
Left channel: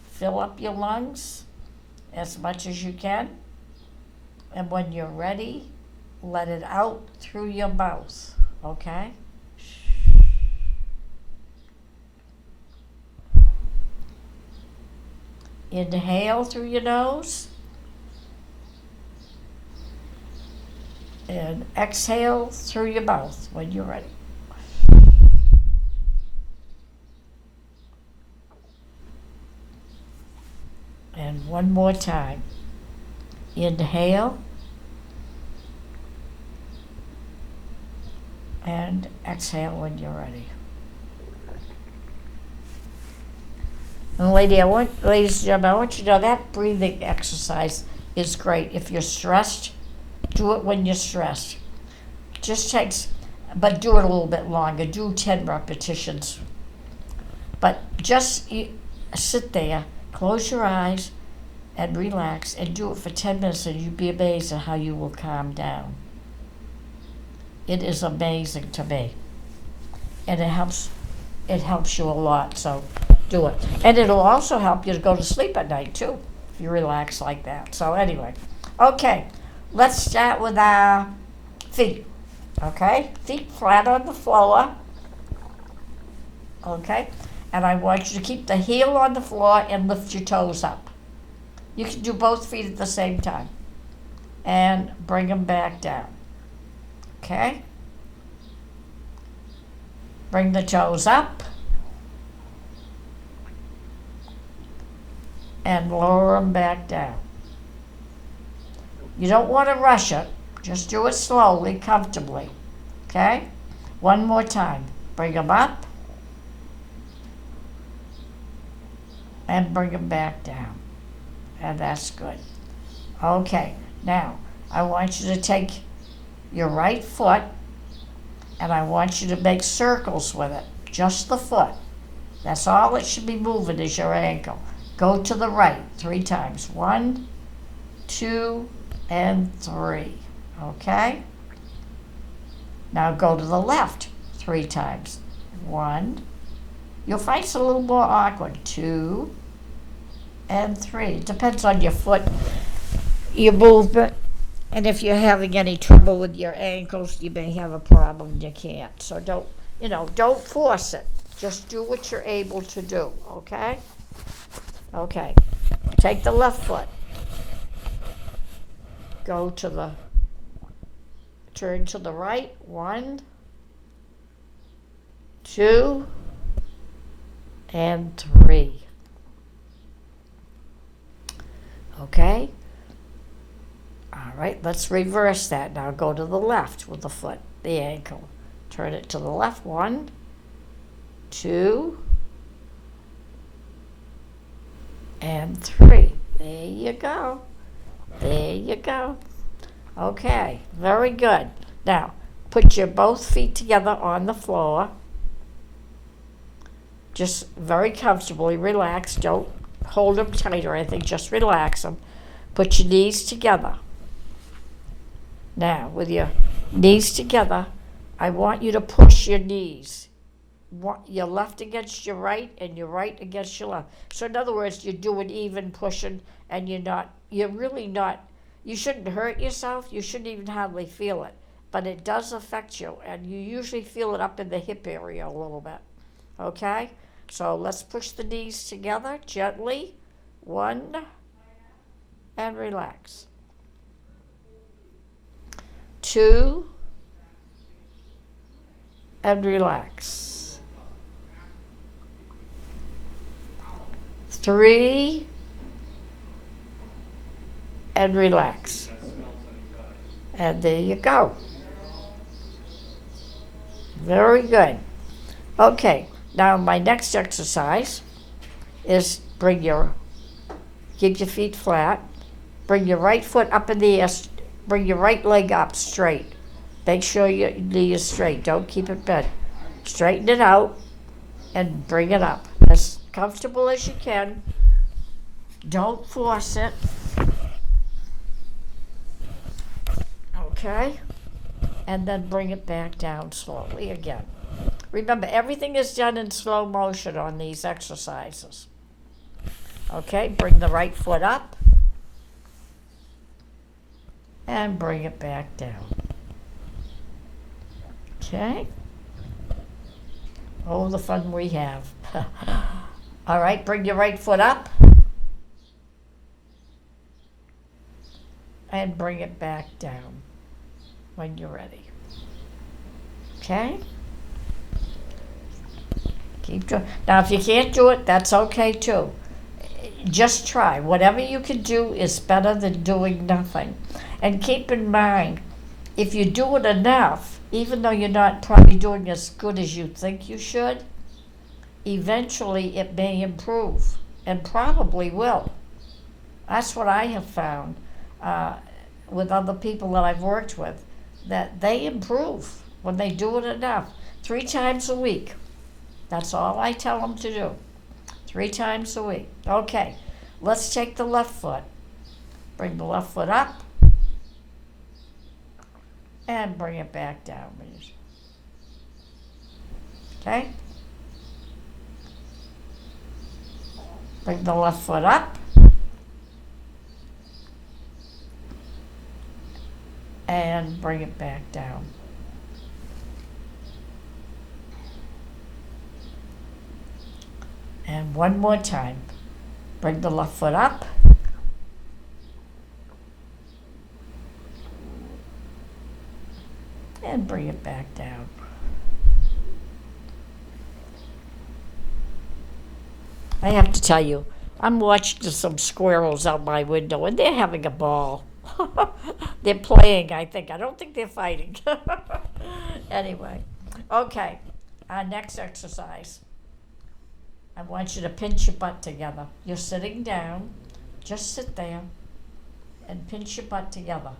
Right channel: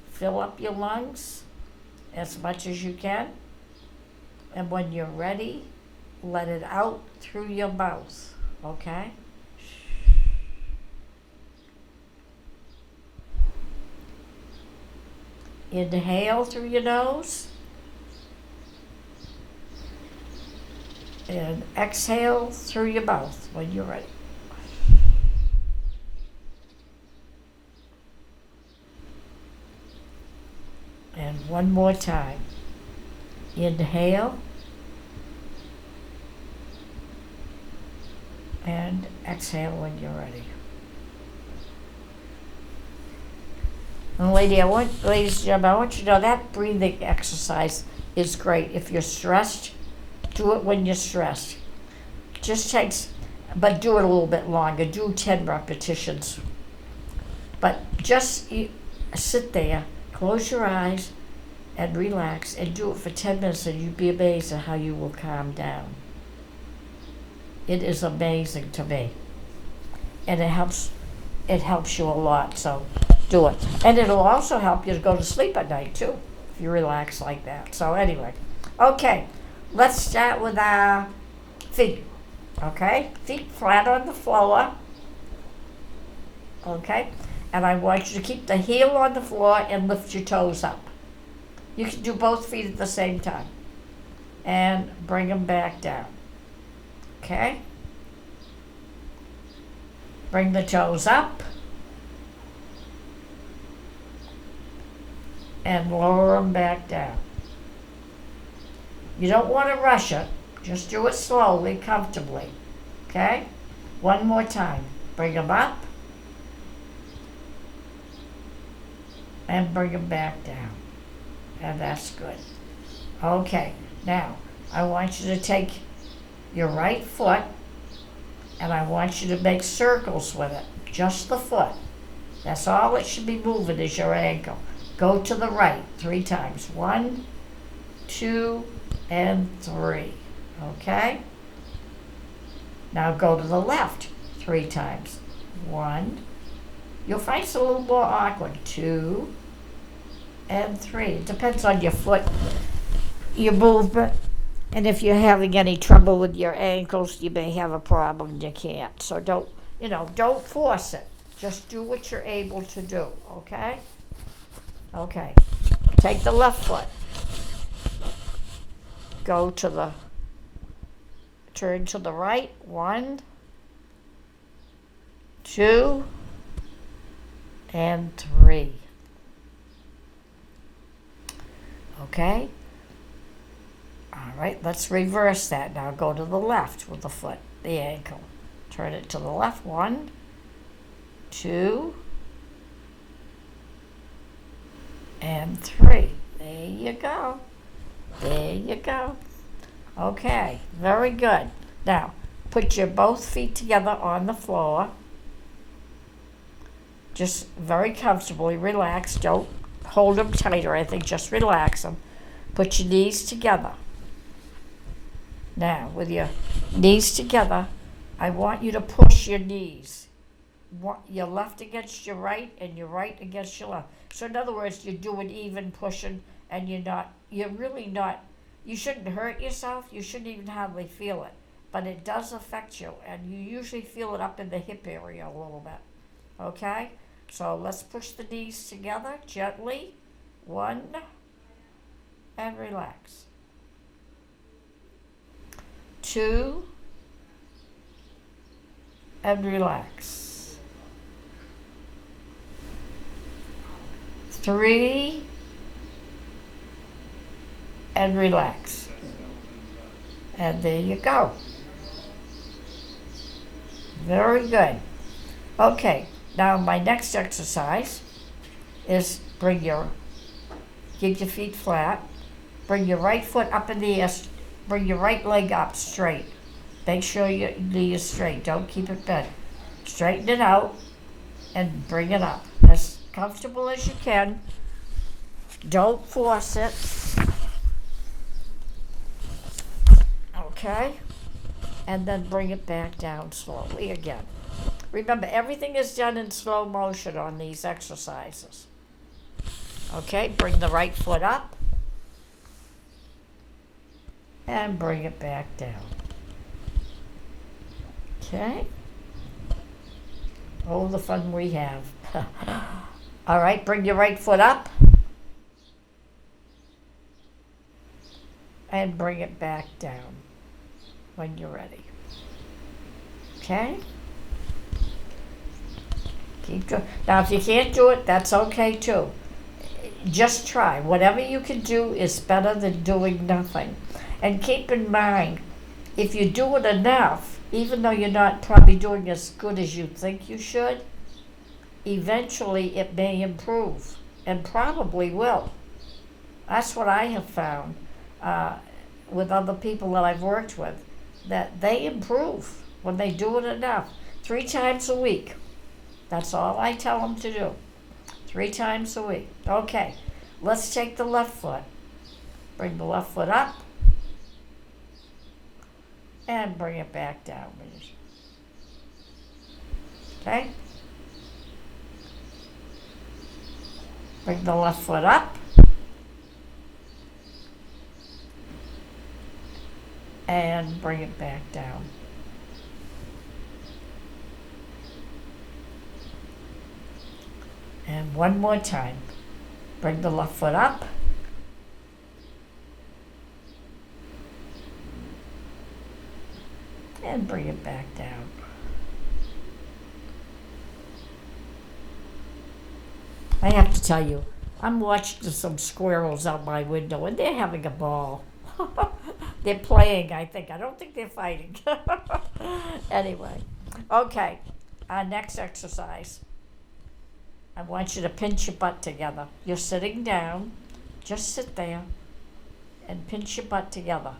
Fill up your lungs as much as you can. And when you're ready, let it out through your mouth, okay? Inhale through your nose. And exhale through your mouth when you're ready. And one more time. Inhale. And exhale when you're ready. And ladies and gentlemen, I want you to know that breathing exercise is great. If you're stressed, do it when you're stressed. Just takes, but do it a little bit longer. Do 10 repetitions. But just sit there, close your eyes, and relax, and do it for 10 minutes, and you'd be amazed at how you will calm down. It is amazing to me. And it helps you a lot, so do it. And it'll also help you to go to sleep at night, too, if you relax like that. So anyway, okay. Let's start with our feet, okay? Feet flat on the floor, okay? And I want you to keep the heel on the floor and lift your toes up. You can do both feet at the same time. And bring them back down, okay? Bring the toes up. And lower them back down. You don't want to rush it. Just do it slowly, comfortably. Okay? One more time. Bring them up. And bring them back down. And that's good. Okay. Now, I want you to take your right foot and I want you to make circles with it. Just the foot. That's all it should be moving is your ankle. Go to the right 3 times. 1, 2, and 3. Okay? Now go to the left 3 times. 1. You'll find it's a little more awkward. 2 and 3. It depends on your foot, your movement. And if you're having any trouble with your ankles, you may have a problem and you can't. So don't force it. Just do what you're able to do. Okay? Okay. Take the left foot. Turn to the right. 1, 2, and 3. Okay? All right, let's reverse that. Now go to the left with the foot, the ankle. Turn it to the left. 1, 2, and 3. There you go. There you go. Okay, very good. Now, put your both feet together on the floor. Just very comfortably, relax. Don't hold them tight or anything, just relax them. Put your knees together. Now, with your knees together, I want you to push your knees. Your left against your right and your right against your left. So in other words, you're doing even pushing and you're really not, you shouldn't hurt yourself. You shouldn't even hardly feel it. But it does affect you, and you usually feel it up in the hip area a little bit. Okay? So let's push the knees together gently. 1, and relax. 2, and relax. 3, and relax. And there you go. Very good. Okay, now my next exercise is keep your feet flat, bring your right foot up in the air, bring your right leg up straight. Make sure your knee is straight, don't keep it bent. Straighten it out and bring it up as comfortable as you can. Don't force it. Okay? And then bring it back down slowly again. Remember, everything is done in slow motion on these exercises. Okay, bring the right foot up and bring it back down. Okay. Oh, the fun we have. All right, bring your right foot up and bring it back down when you're ready. Okay? Keep doing. Now, if you can't do it, that's okay too. Just try. Whatever you can do is better than doing nothing. And keep in mind, if you do it enough, even though you're not probably doing as good as you think you should, eventually it may improve, and probably will. That's what I have found with other people that I've worked with, that they improve when they do it enough. 3 times a week. That's all I tell them to do. 3 times a week. Okay, let's take the left foot. Bring the left foot up and bring it back down. Okay? Bring the left foot up and bring it back down. And one more time. Bring the left foot up and bring it back down. I have to tell you, I'm watching some squirrels out my window and they're having a ball. They're playing, I think. I don't think they're fighting. Anyway, okay, our next exercise. I want you to pinch your butt together. You're sitting down. Just sit there and pinch your butt together.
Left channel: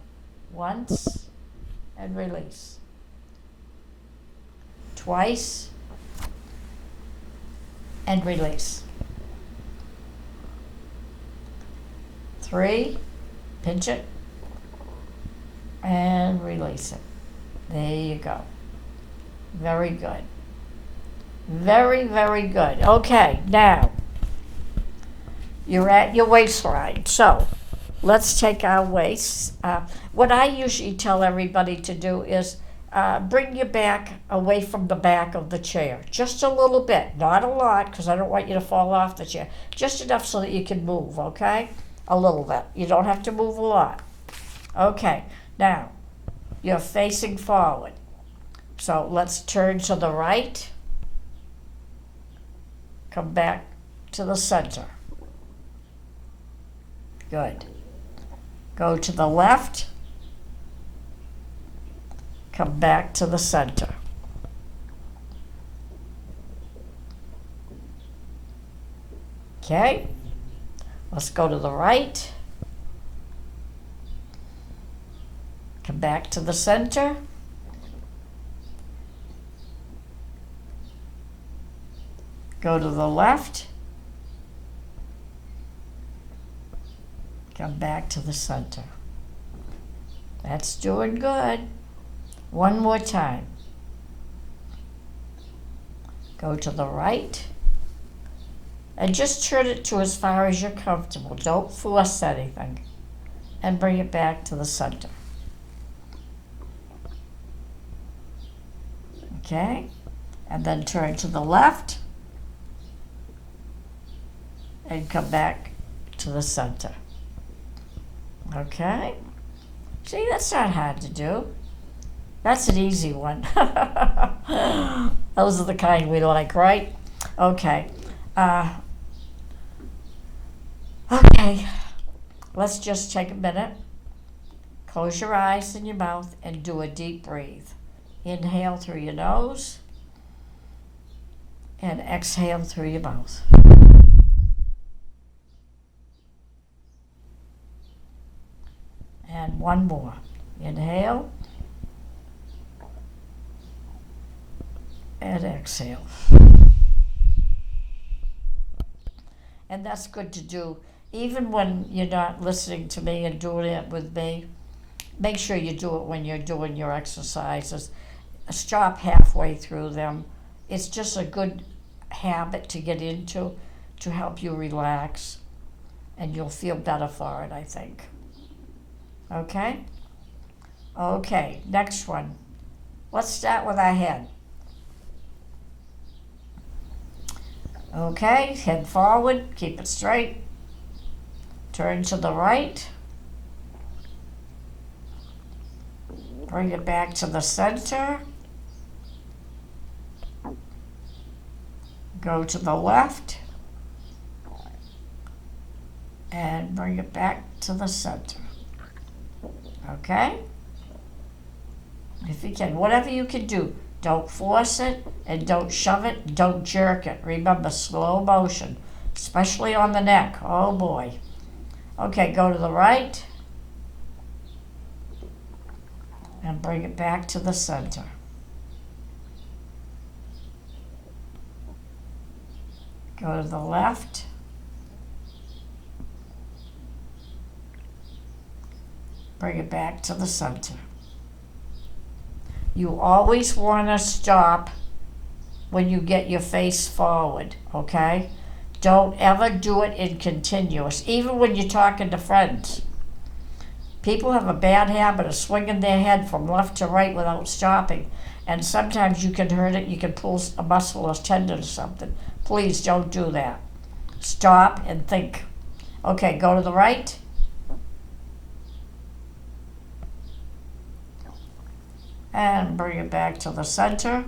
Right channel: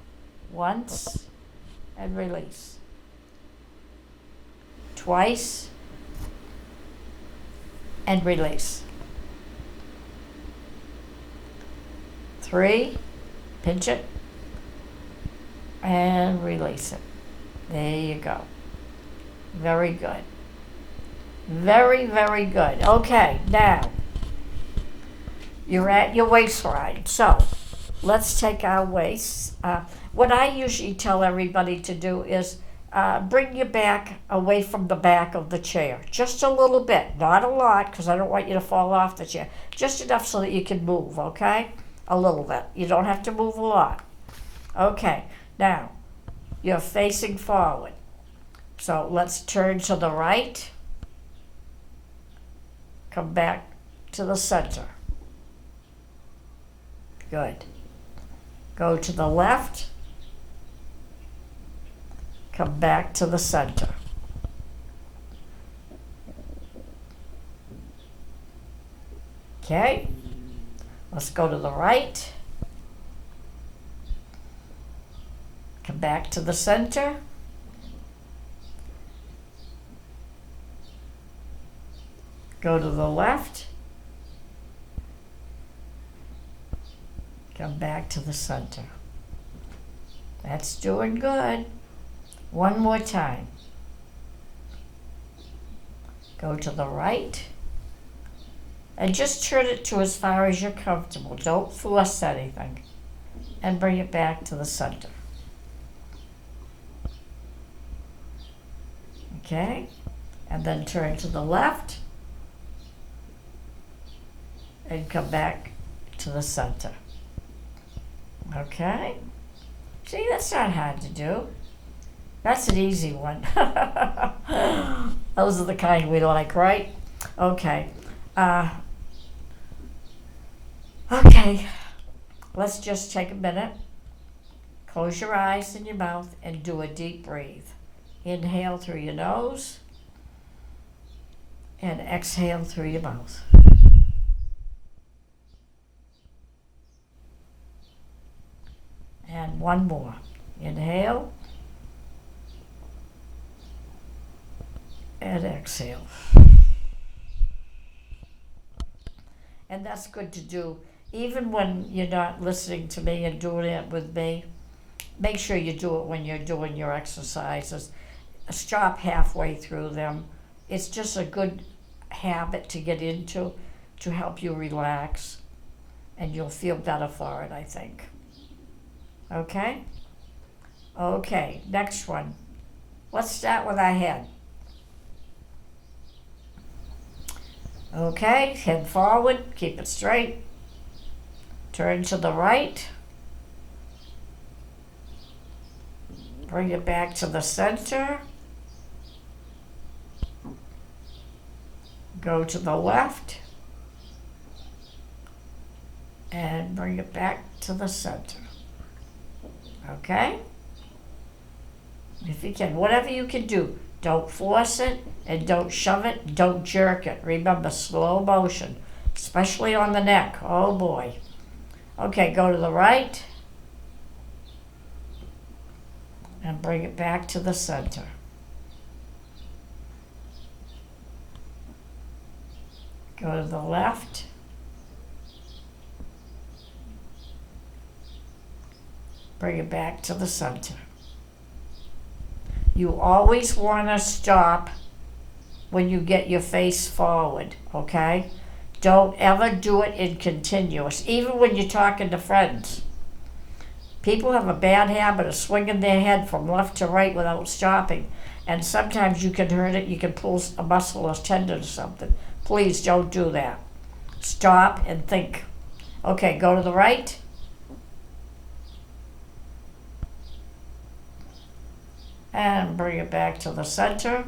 Once and release. Twice and release. 3, pinch it and release it. There you go. Very good. Very, very good. Okay, now you're at your waistline. So let's take our weights. What I usually tell everybody to do is bring your back away from the back of the chair. Just a little bit, not a lot, because I don't want you to fall off the chair. Just enough so that you can move, okay? A little bit. You don't have to move a lot. Okay, now you're facing forward. So let's turn to the right. Come back to the center. Good. Go to the left. Come back to the center. Okay. Let's go to the right. Come back to the center. Go to the left. Come back to the center. That's doing good. One more time. Go to the right. And just turn it to as far as you're comfortable. Don't force anything. And bring it back to the center. Okay? And then turn to the left. And come back to the center. Okay? See, that's not hard to do. That's an easy one. Those are the kind we like, right? Okay. Okay. Let's just take a minute. Close your eyes and your mouth and do a deep breathe. Inhale through your nose and exhale through your mouth. And one more. Inhale and exhale. And that's good to do. Even when you're not listening to me and doing it with me, make sure you do it when you're doing your exercises. Stop halfway through them. it's just a good habit to get into to help you relax, and you'll feel better for it, I think. Okay? Okay, next one. Let's start with our head. Okay, head forward, keep it straight. Turn to the right. Bring it back to the center. Go to the left. And bring it back to the center. Okay? If you can, whatever you can do. Don't force it and don't shove it. Don't jerk it. Remember, slow motion, especially on the neck. Oh boy. Okay, go to the right and bring it back to the center. Go to the left. Bring it back to the center. You always want to stop when you get your face forward, okay? Don't ever do it in continuous, even when you're talking to friends. People have a bad habit of swinging their head from left to right without stopping, and sometimes you can hurt it. You can pull a muscle or tendon or something. Please don't do that. Stop and think. Okay, go to the right. And bring it back to the center.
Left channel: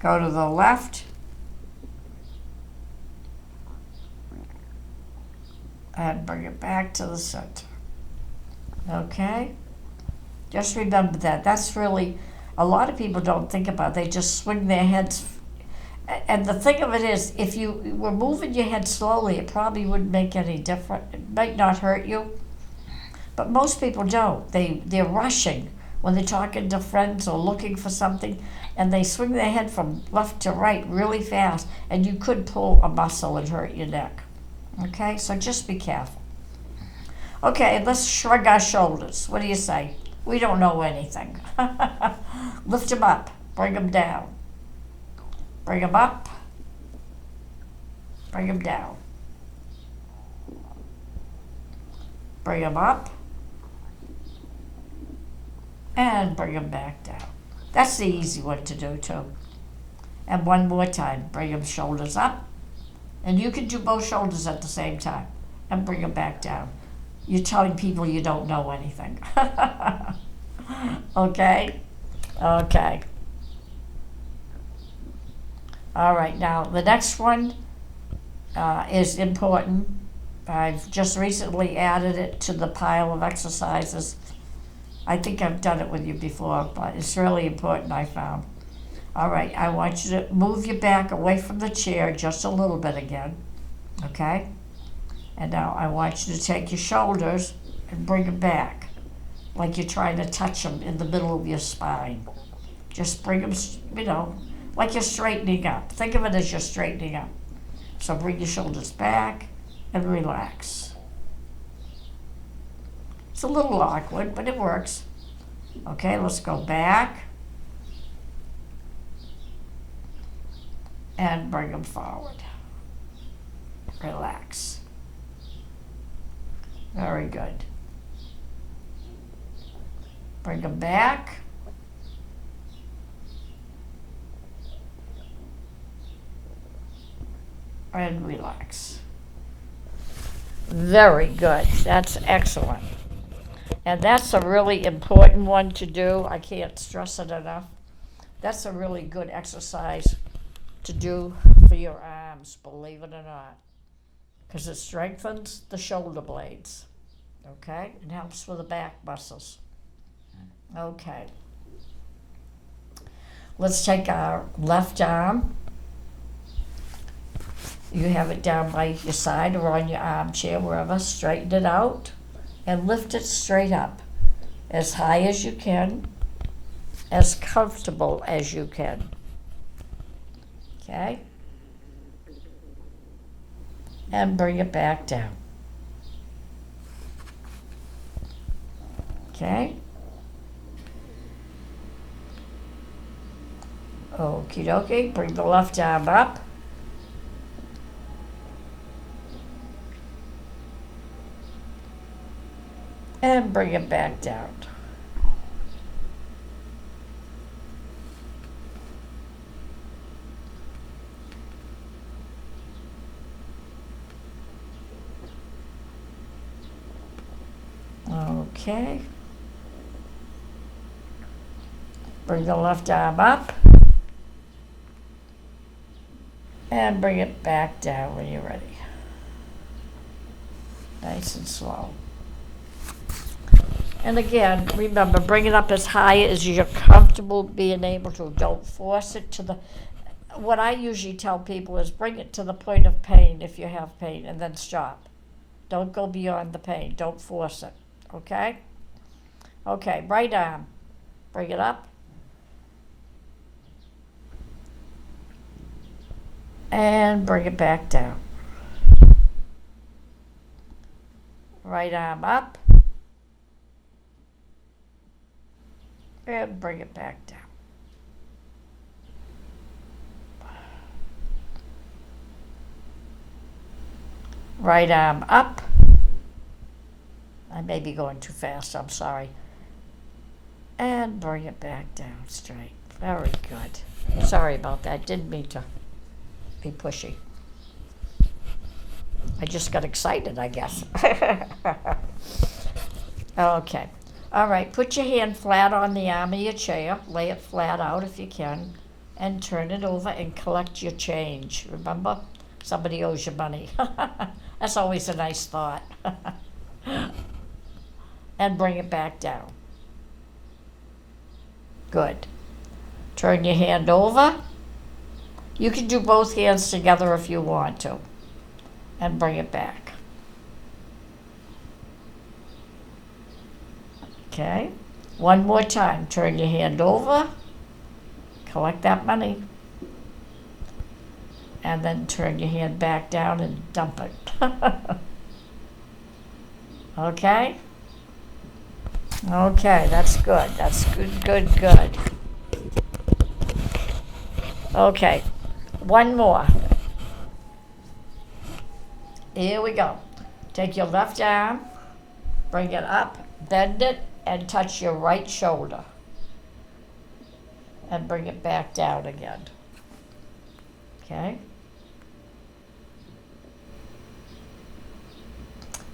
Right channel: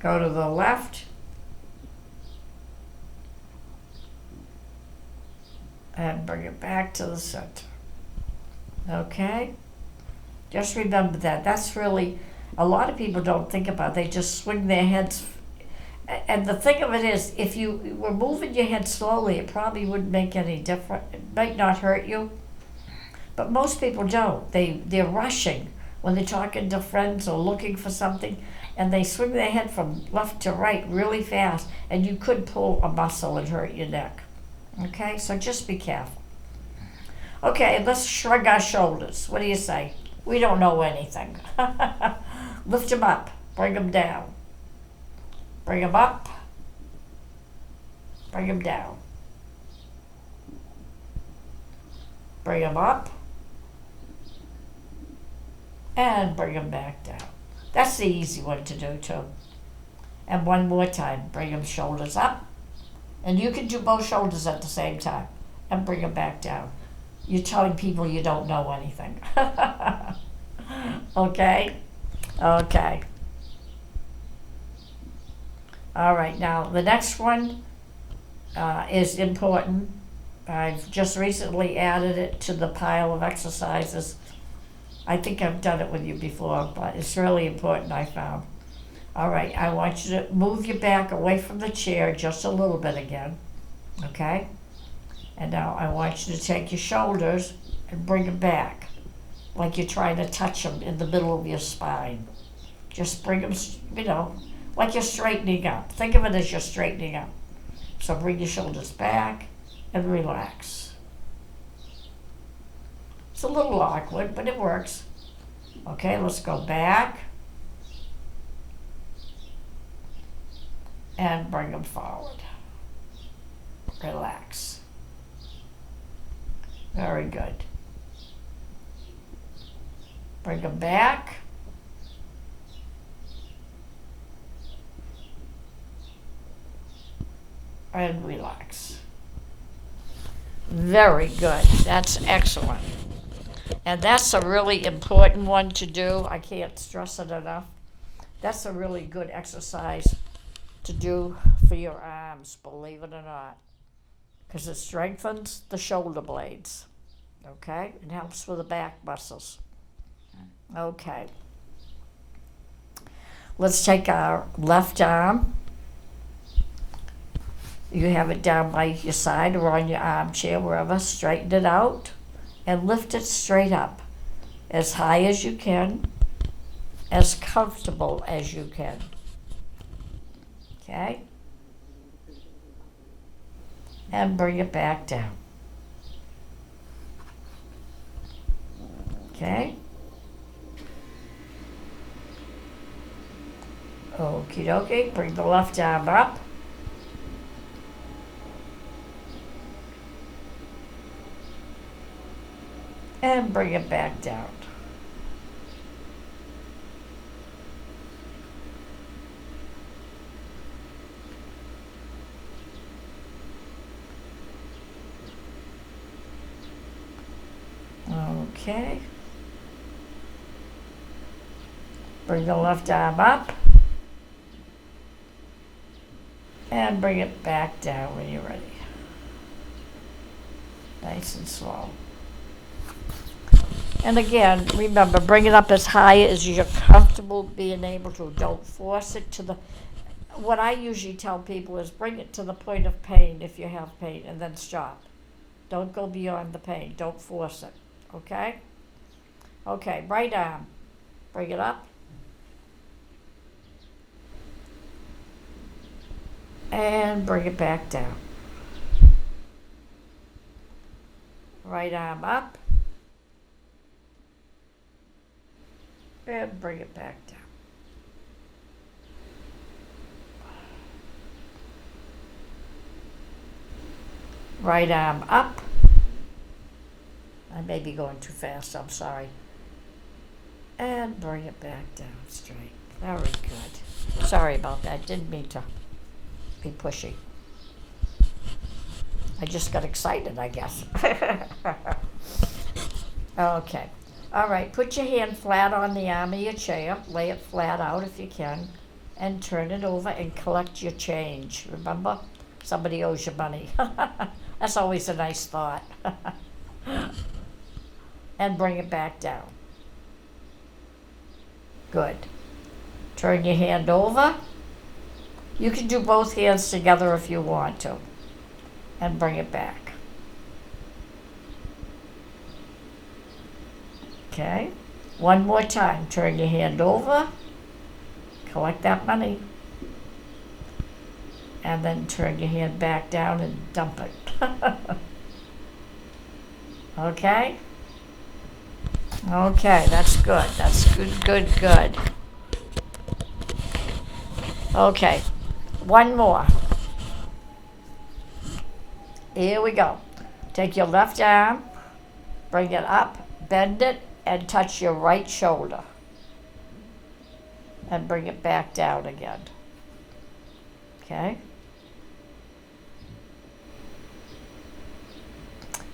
Go to the left. And bring it back to the center. Okay? Just remember that. That's really, a lot of people don't think about it. They just swing their heads. And the thing of it is, if you were moving your head slowly, it probably wouldn't make any difference. It might not hurt you. But most people don't. They're rushing when they're talking to friends or looking for something, and they swing their head from left to right really fast, and you could pull a muscle and hurt your neck. Okay, so just be careful. Okay, let's shrug our shoulders. What do you say? We don't know anything. Lift them up, bring them down. Bring them up, bring them down. Bring them up, and bring them back down. That's the easy one to do too. And one more time, bring them shoulders up, and you can do both shoulders at the same time, and bring them back down. You're telling people you don't know anything. Okay? Okay. All right, now the next one is important. I've just recently added it to the pile of exercises. I think I've done it with you before, but it's really important, I found. All right, I want you to move your back away from the chair just a little bit again, okay? And now I want you to take your shoulders and bring them back, like you're trying to touch them in the middle of your spine. Just bring them, like you're straightening up. Think of it as you're straightening up. So bring your shoulders back and relax. It's a little awkward, but it works. Okay, let's go back and bring them forward. Relax. Very good. Bring them back. And relax. Very good. That's excellent. And that's a really important one to do. I can't stress it enough. That's a really good exercise to do for your arms, believe it or not, because it strengthens the shoulder blades, okay? It helps with the back muscles. Okay. Let's take our left arm. You have it down by your side or on your armchair, wherever. Straighten it out and lift it straight up, as high as you can, as comfortable as you can. Okay? And bring it back down. Okay? Okie dokie, bring the left arm up. And bring it back down. Okay. Bring the left arm up. And bring it back down when you're ready. Nice and slow. And again, remember, bring it up as high as you're comfortable being able to. Don't force it to the, what I usually tell people is bring it to the point of pain if you have pain, and then stop. Don't go beyond the pain. Don't force it, okay? Okay, right arm. Bring it up. And bring it back down. Right arm up. And bring it back down. Right arm up. I may be going too fast, I'm sorry. And bring it back down straight. Very good. Sorry about that, didn't mean to be pushy. I just got excited, I guess. Okay. All right, put your hand flat on the arm of your chair. Lay it flat out if you can. And turn it over and collect your change. Remember? Somebody owes you money. That's always a nice thought. And bring it back down. Good. Turn your hand over. You can do both hands together if you want to. And bring it back. Okay. One more time. Turn your hand over. Collect that money. And then turn your hand back down and dump it. Okay? Okay, that's good. That's good, good, good. Okay, one more. Here we go. Take your left arm, bring it up, bend it, and touch your right shoulder. And bring it back down again. Okay?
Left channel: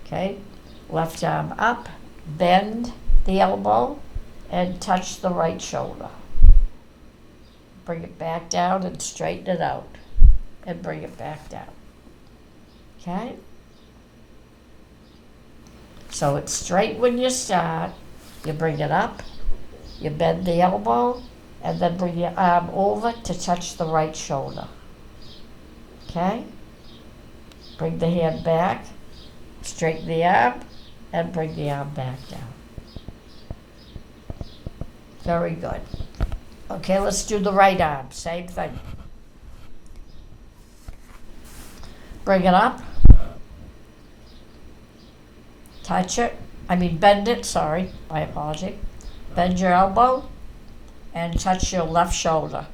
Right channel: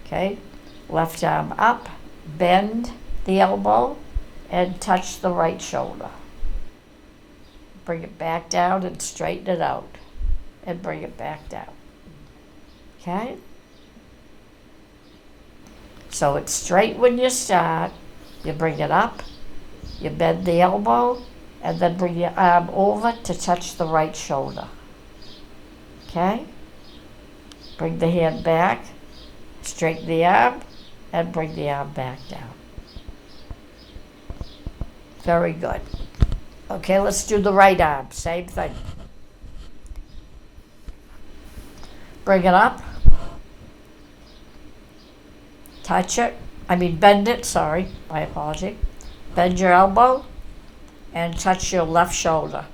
Okay, left arm up, bend the elbow, and touch the right shoulder. Bring it back down and straighten it out. And bring it back down. Okay? So it's straight when you start. You bring it up, you bend the elbow, and then bring your arm over to touch the right shoulder. Okay? Bring the hand back, straighten the arm, and bring the arm back down. Very good. Okay, let's do the right arm. Same thing. Bring it up. Touch it. Bend it, sorry, my apology. Bend your elbow and touch your left shoulder.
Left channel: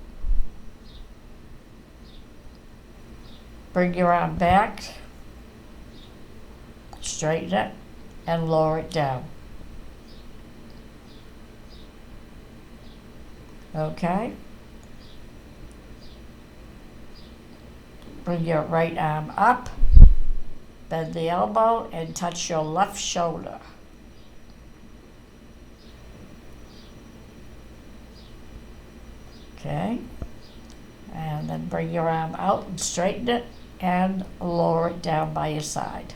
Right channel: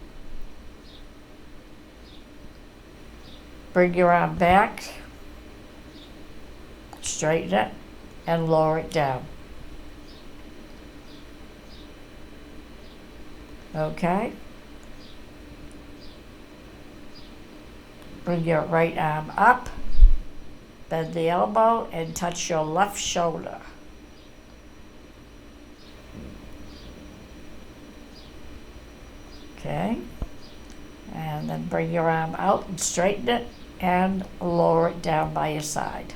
Bring your arm back. Straighten it and lower it down. Okay? Bring your right arm up, bend the elbow, and touch your left shoulder. Okay? And then bring your arm out and straighten it and lower it down by your side.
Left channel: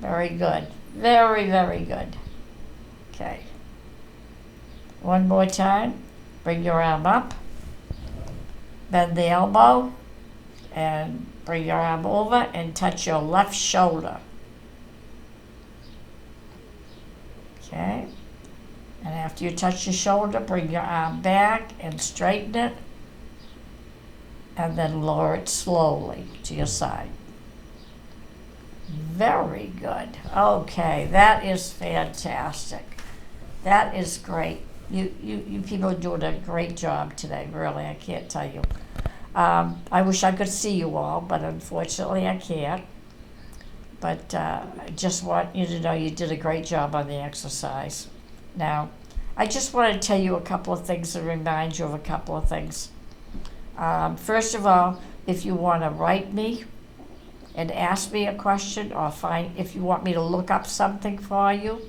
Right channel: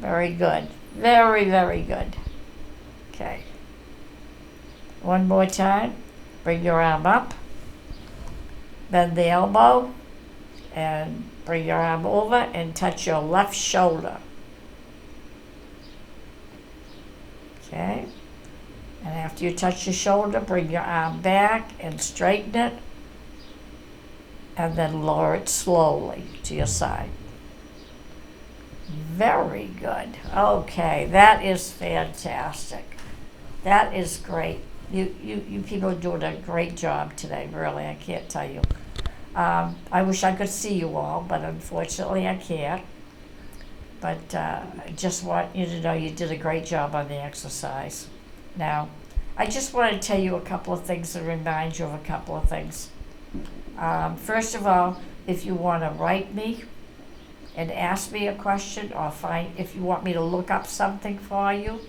Very good. Very, very good. Okay. One more time. Bring your arm up. Bend the elbow. And bring your arm over and touch your left shoulder. Okay. And after you touch your shoulder, bring your arm back and straighten it. And then lower it slowly to your side. Very good. Okay, that is fantastic. That is great. You people are doing a great job today, really, I can't tell you. I wish I could see you all, but unfortunately I can't. But I just want you to know you did a great job on the exercise. Now, I just want to tell you a couple of things and remind you of a couple of things. First of all, if you want to write me and ask me a question, or if you want me to look up something for you,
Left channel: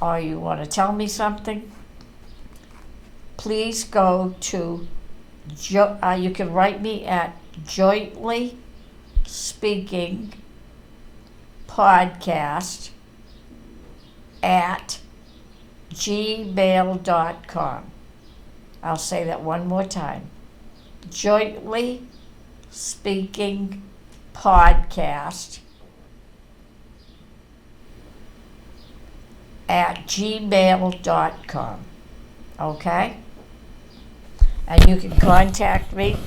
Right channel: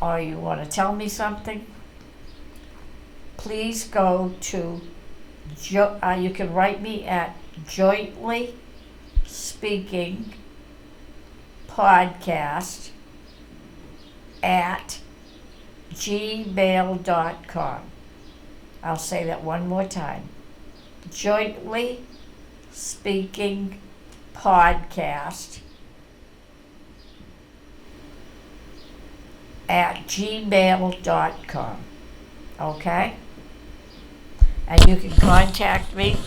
or you want to tell me something, please go to, you can write me at Jointly Speaking Podcast at gmail.com. I'll say that one more time. Jointly Speaking Podcast at gmail.com. Okay? And you can contact me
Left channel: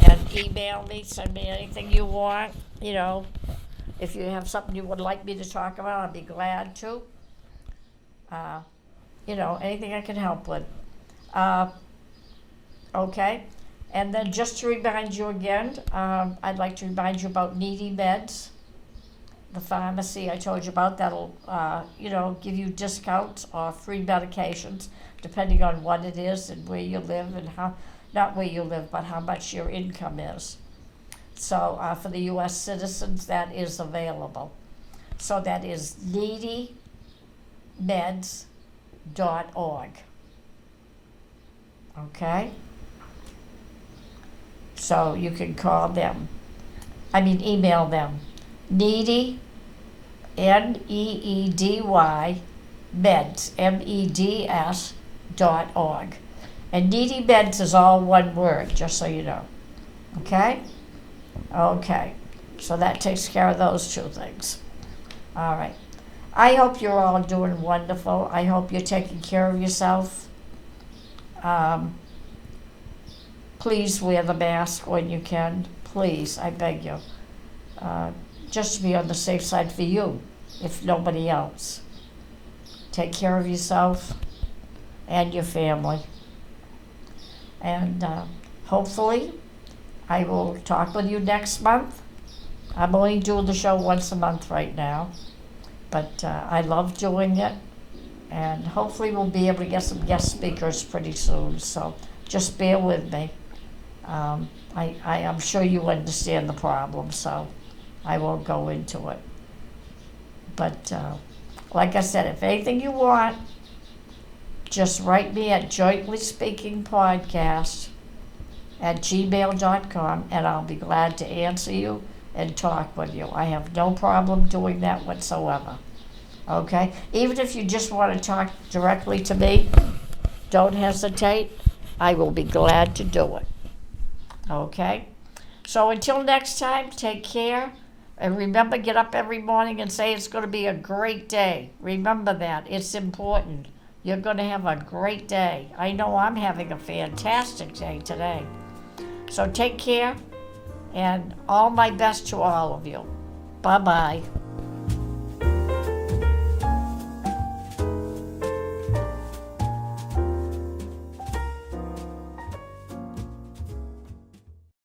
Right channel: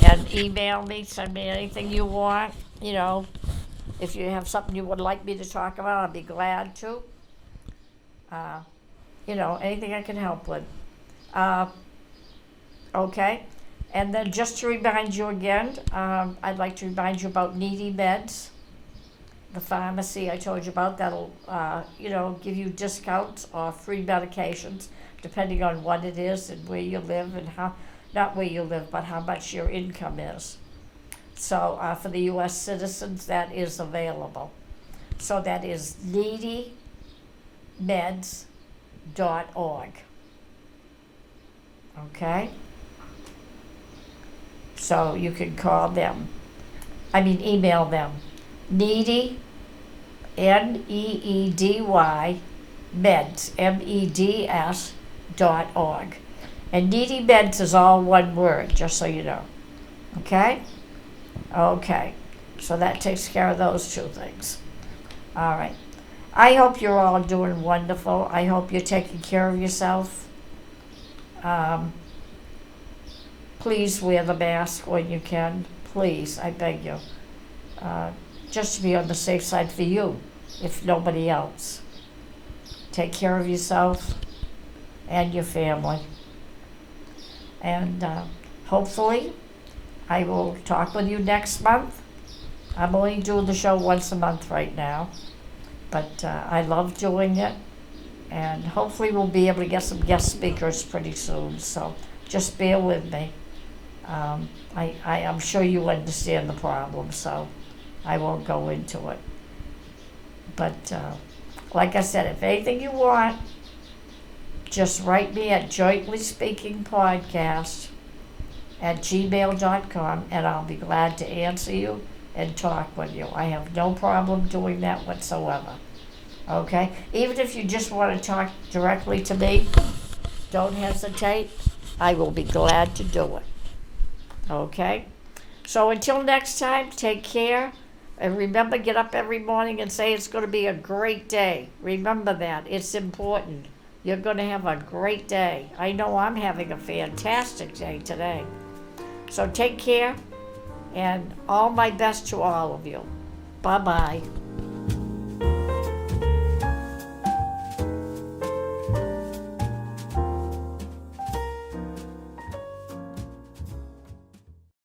and email me, send me anything you want. If you have something you would like me to talk about, I'll be glad to. Anything I can help with. Okay? And then just to remind you again, I'd like to remind you about Needy Meds, the pharmacy I told you about. That'll, give you discounts or free medications, depending on what it is and where you live and not where you live, but how much your income is. So for the U.S. citizens, that is available. So that is needymeds.org. Okay? So you can email them. Needy, Needy, meds, meds.org. And Needy Meds is all one word, just so you know. Okay? Okay. So that takes care of those two things. All right. I hope you're all doing wonderful. I hope you're taking care of yourself. Please wear the mask when you can. Please, I beg you. Just to be on the safe side for you, if nobody else. Take care of yourself and your family. And hopefully, I will talk with you next month. I'm only doing the show once a month right now, but I love doing it. And hopefully we'll be able to get some guest speakers pretty soon, so just bear with me. I am sure you understand the problem, so I won't go into it. But like I said, if anything you want, just write me at Jointly Speaking Podcast at gmail.com, and I'll be glad to answer you and talk with you. I have no problem doing that whatsoever. Okay? Even if you just want to talk directly to me, don't hesitate. I will be glad to do it. Okay? So until next time, take care. And remember, get up every morning and say it's going to be a great day. Remember that. It's important. You're going to have a great day. I know I'm having a fantastic day today. So take care, and all my best to all of you. Bye-bye.